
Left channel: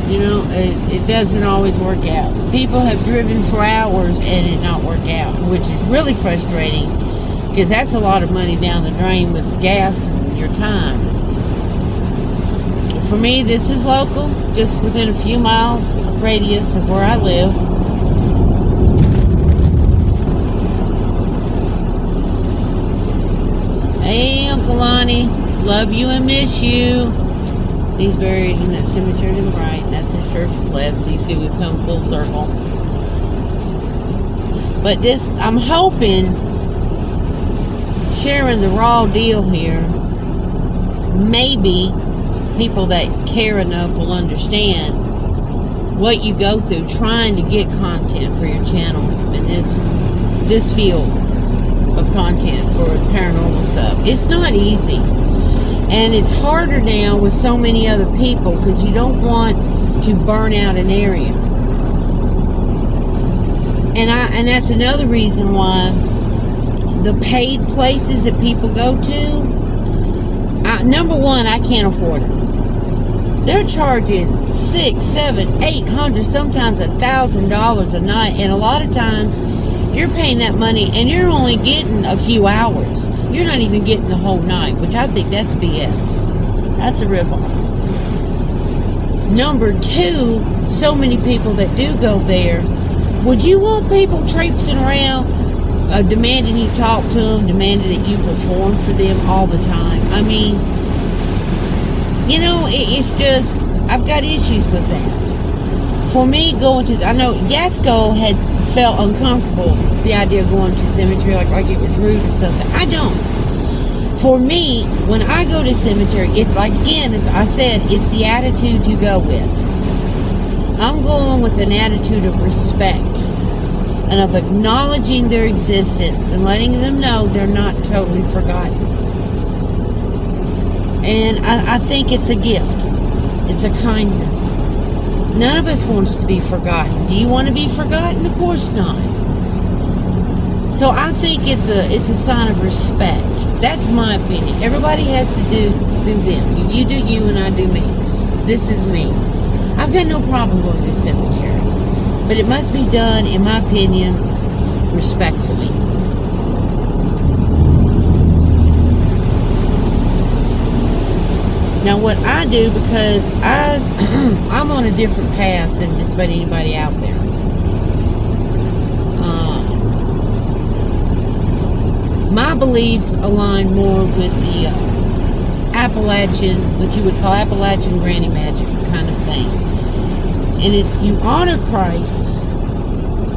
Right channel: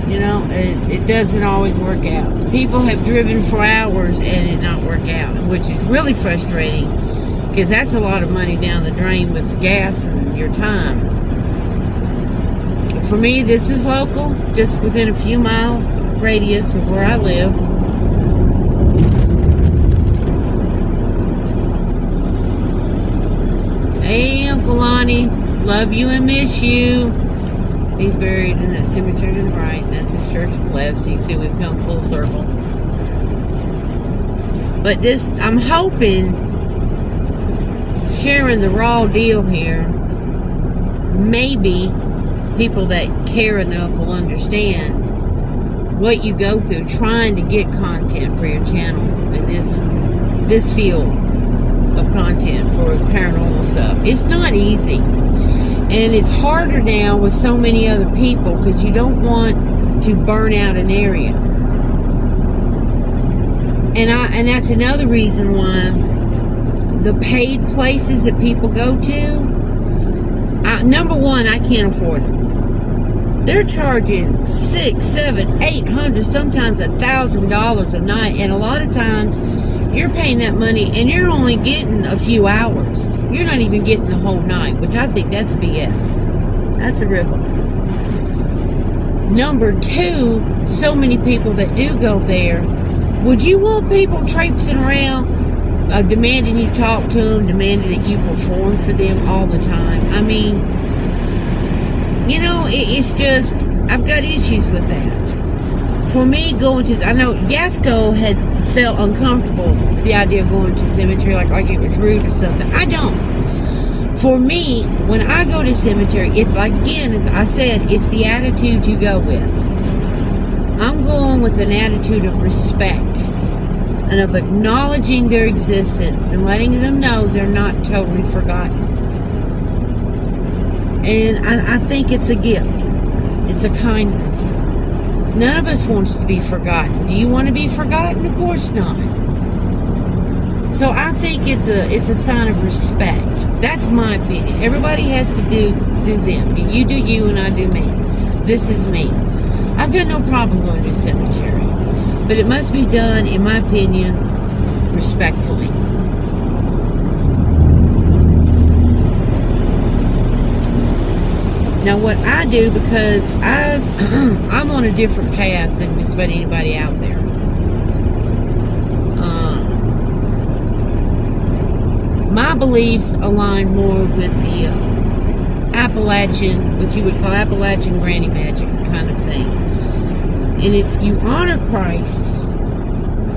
You know, it doesn't always work out. People have driven for hours and it not work out, which is really frustrating because that's a lot of money down the drain with gas and your time. For me, this is local, just within a few miles radius of where I live. Hey, Uncle Lonnie, love you and miss you. He's buried in that cemetery to the right. That's his church to the left. So you see we've come full circle. But this, I'm hoping, sharing the raw deal here, maybe people that care enough will understand what you go through trying to get content for your channel in this field of content for paranormal stuff. It's not easy. And it's harder now with so many other people because you don't want to burn out an area. And that's another reason why the paid places that people go to, number one, I can't afford it. They're charging $600, $700, $800, sometimes $1,000 a night, and a lot of times you're paying that money and you're only getting a few hours. You're not even getting the whole night, which I think that's BS. That's a ripoff. Number two, so many people that do go there, would you want people traipsing around demanding you talk to them, demanding that you perform for them all the time? I mean, you know, it's just, I've got issues with that. For me, going to, I know Yasko had felt uncomfortable, the idea of going to cemetery, like it was rude or something. I don't. For me, when I go to cemetery, it's like, again, as I said, it's the attitude you go with. I'm going with an attitude of respect and of acknowledging their existence and letting them know they're not totally forgotten. And I think it's a gift. It's a kindness. None of us wants to be forgotten. Do you want to be forgotten? Of course not. So I think it's a sign of respect. That's my opinion. Everybody has to do them. You do you and I do me. This is me. I've got no problem going to a cemetery. But it must be done, in my opinion, respectfully. Now what I do, because I'm on a different path than just about anybody out there. My beliefs align more with the Appalachian, what you would call Appalachian granny magic kind of thing. And it's, you honor Christ,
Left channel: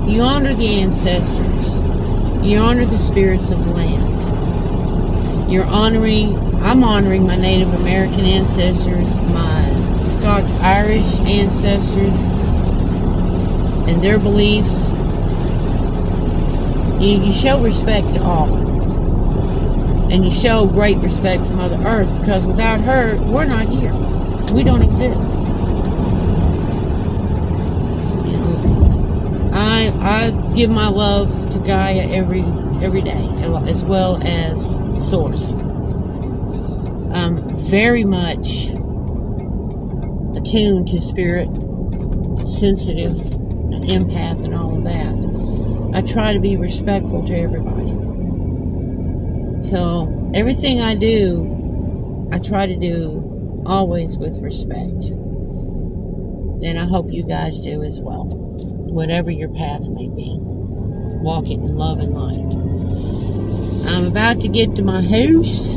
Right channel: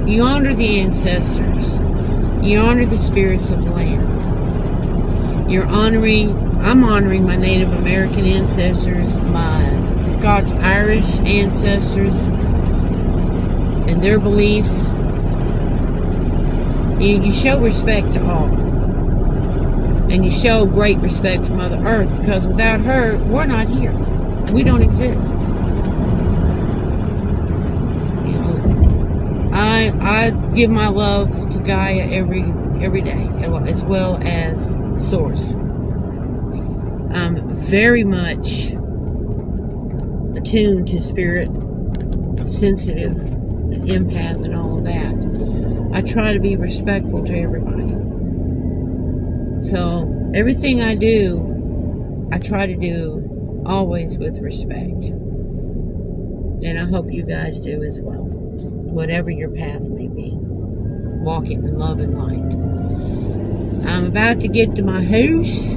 you honor the ancestors, you honor the spirits of the land. I'm honoring my Native American ancestors, my Scots-Irish ancestors, and their beliefs. You show respect to all. And you show great respect for Mother Earth, because without her, we're not here. We don't exist. You know, I give my love to Gaia every day, as well as Source. I'm very much attuned to spirit, sensitive, an empath, and all of that. I try to be respectful to everybody. So everything I do, I try to do always with respect. And I hope you guys do as well. Whatever your path may be. Walk it in love and light. I'm about to get to my house.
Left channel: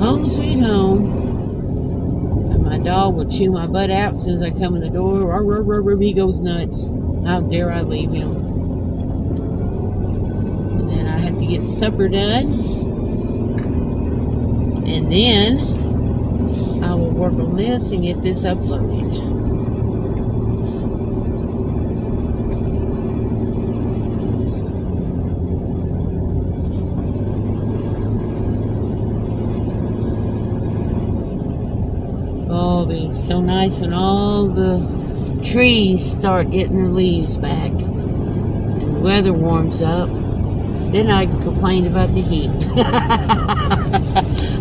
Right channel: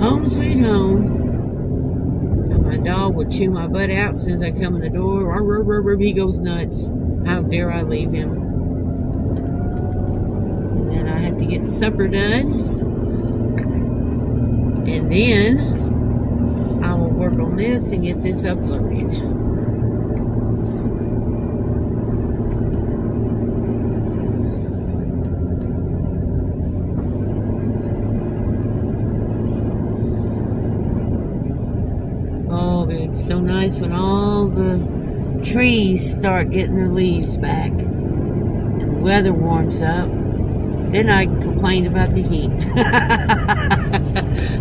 Home sweet home. And my dog will chew my butt out as soon as I come in the door. He goes nuts. How dare I leave him? And then I have to get supper done. And then I will work on this and get this uploaded. Oh, it'll be so nice when all the trees start getting their leaves back and the weather warms up. Then I can complain about the heat.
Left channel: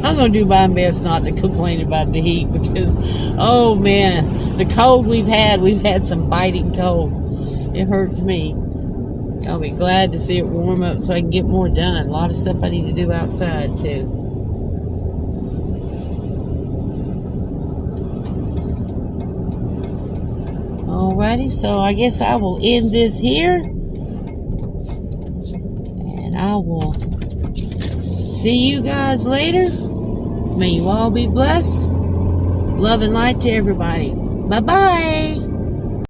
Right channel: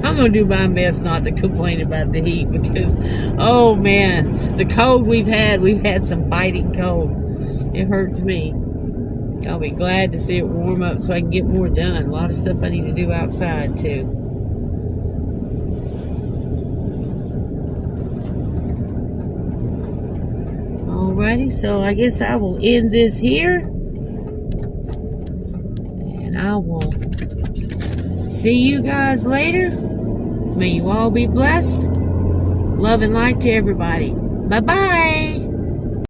I'm going to do my best not to complain about the heat, because, oh man, the cold we've had some biting cold. It hurts me. I'll be glad to see it warm up so I can get more done. A lot of stuff I need to do outside too. Alrighty, so I guess I will end this here. And I will see you guys later. May you all be blessed. Love and light to everybody. Bye-bye.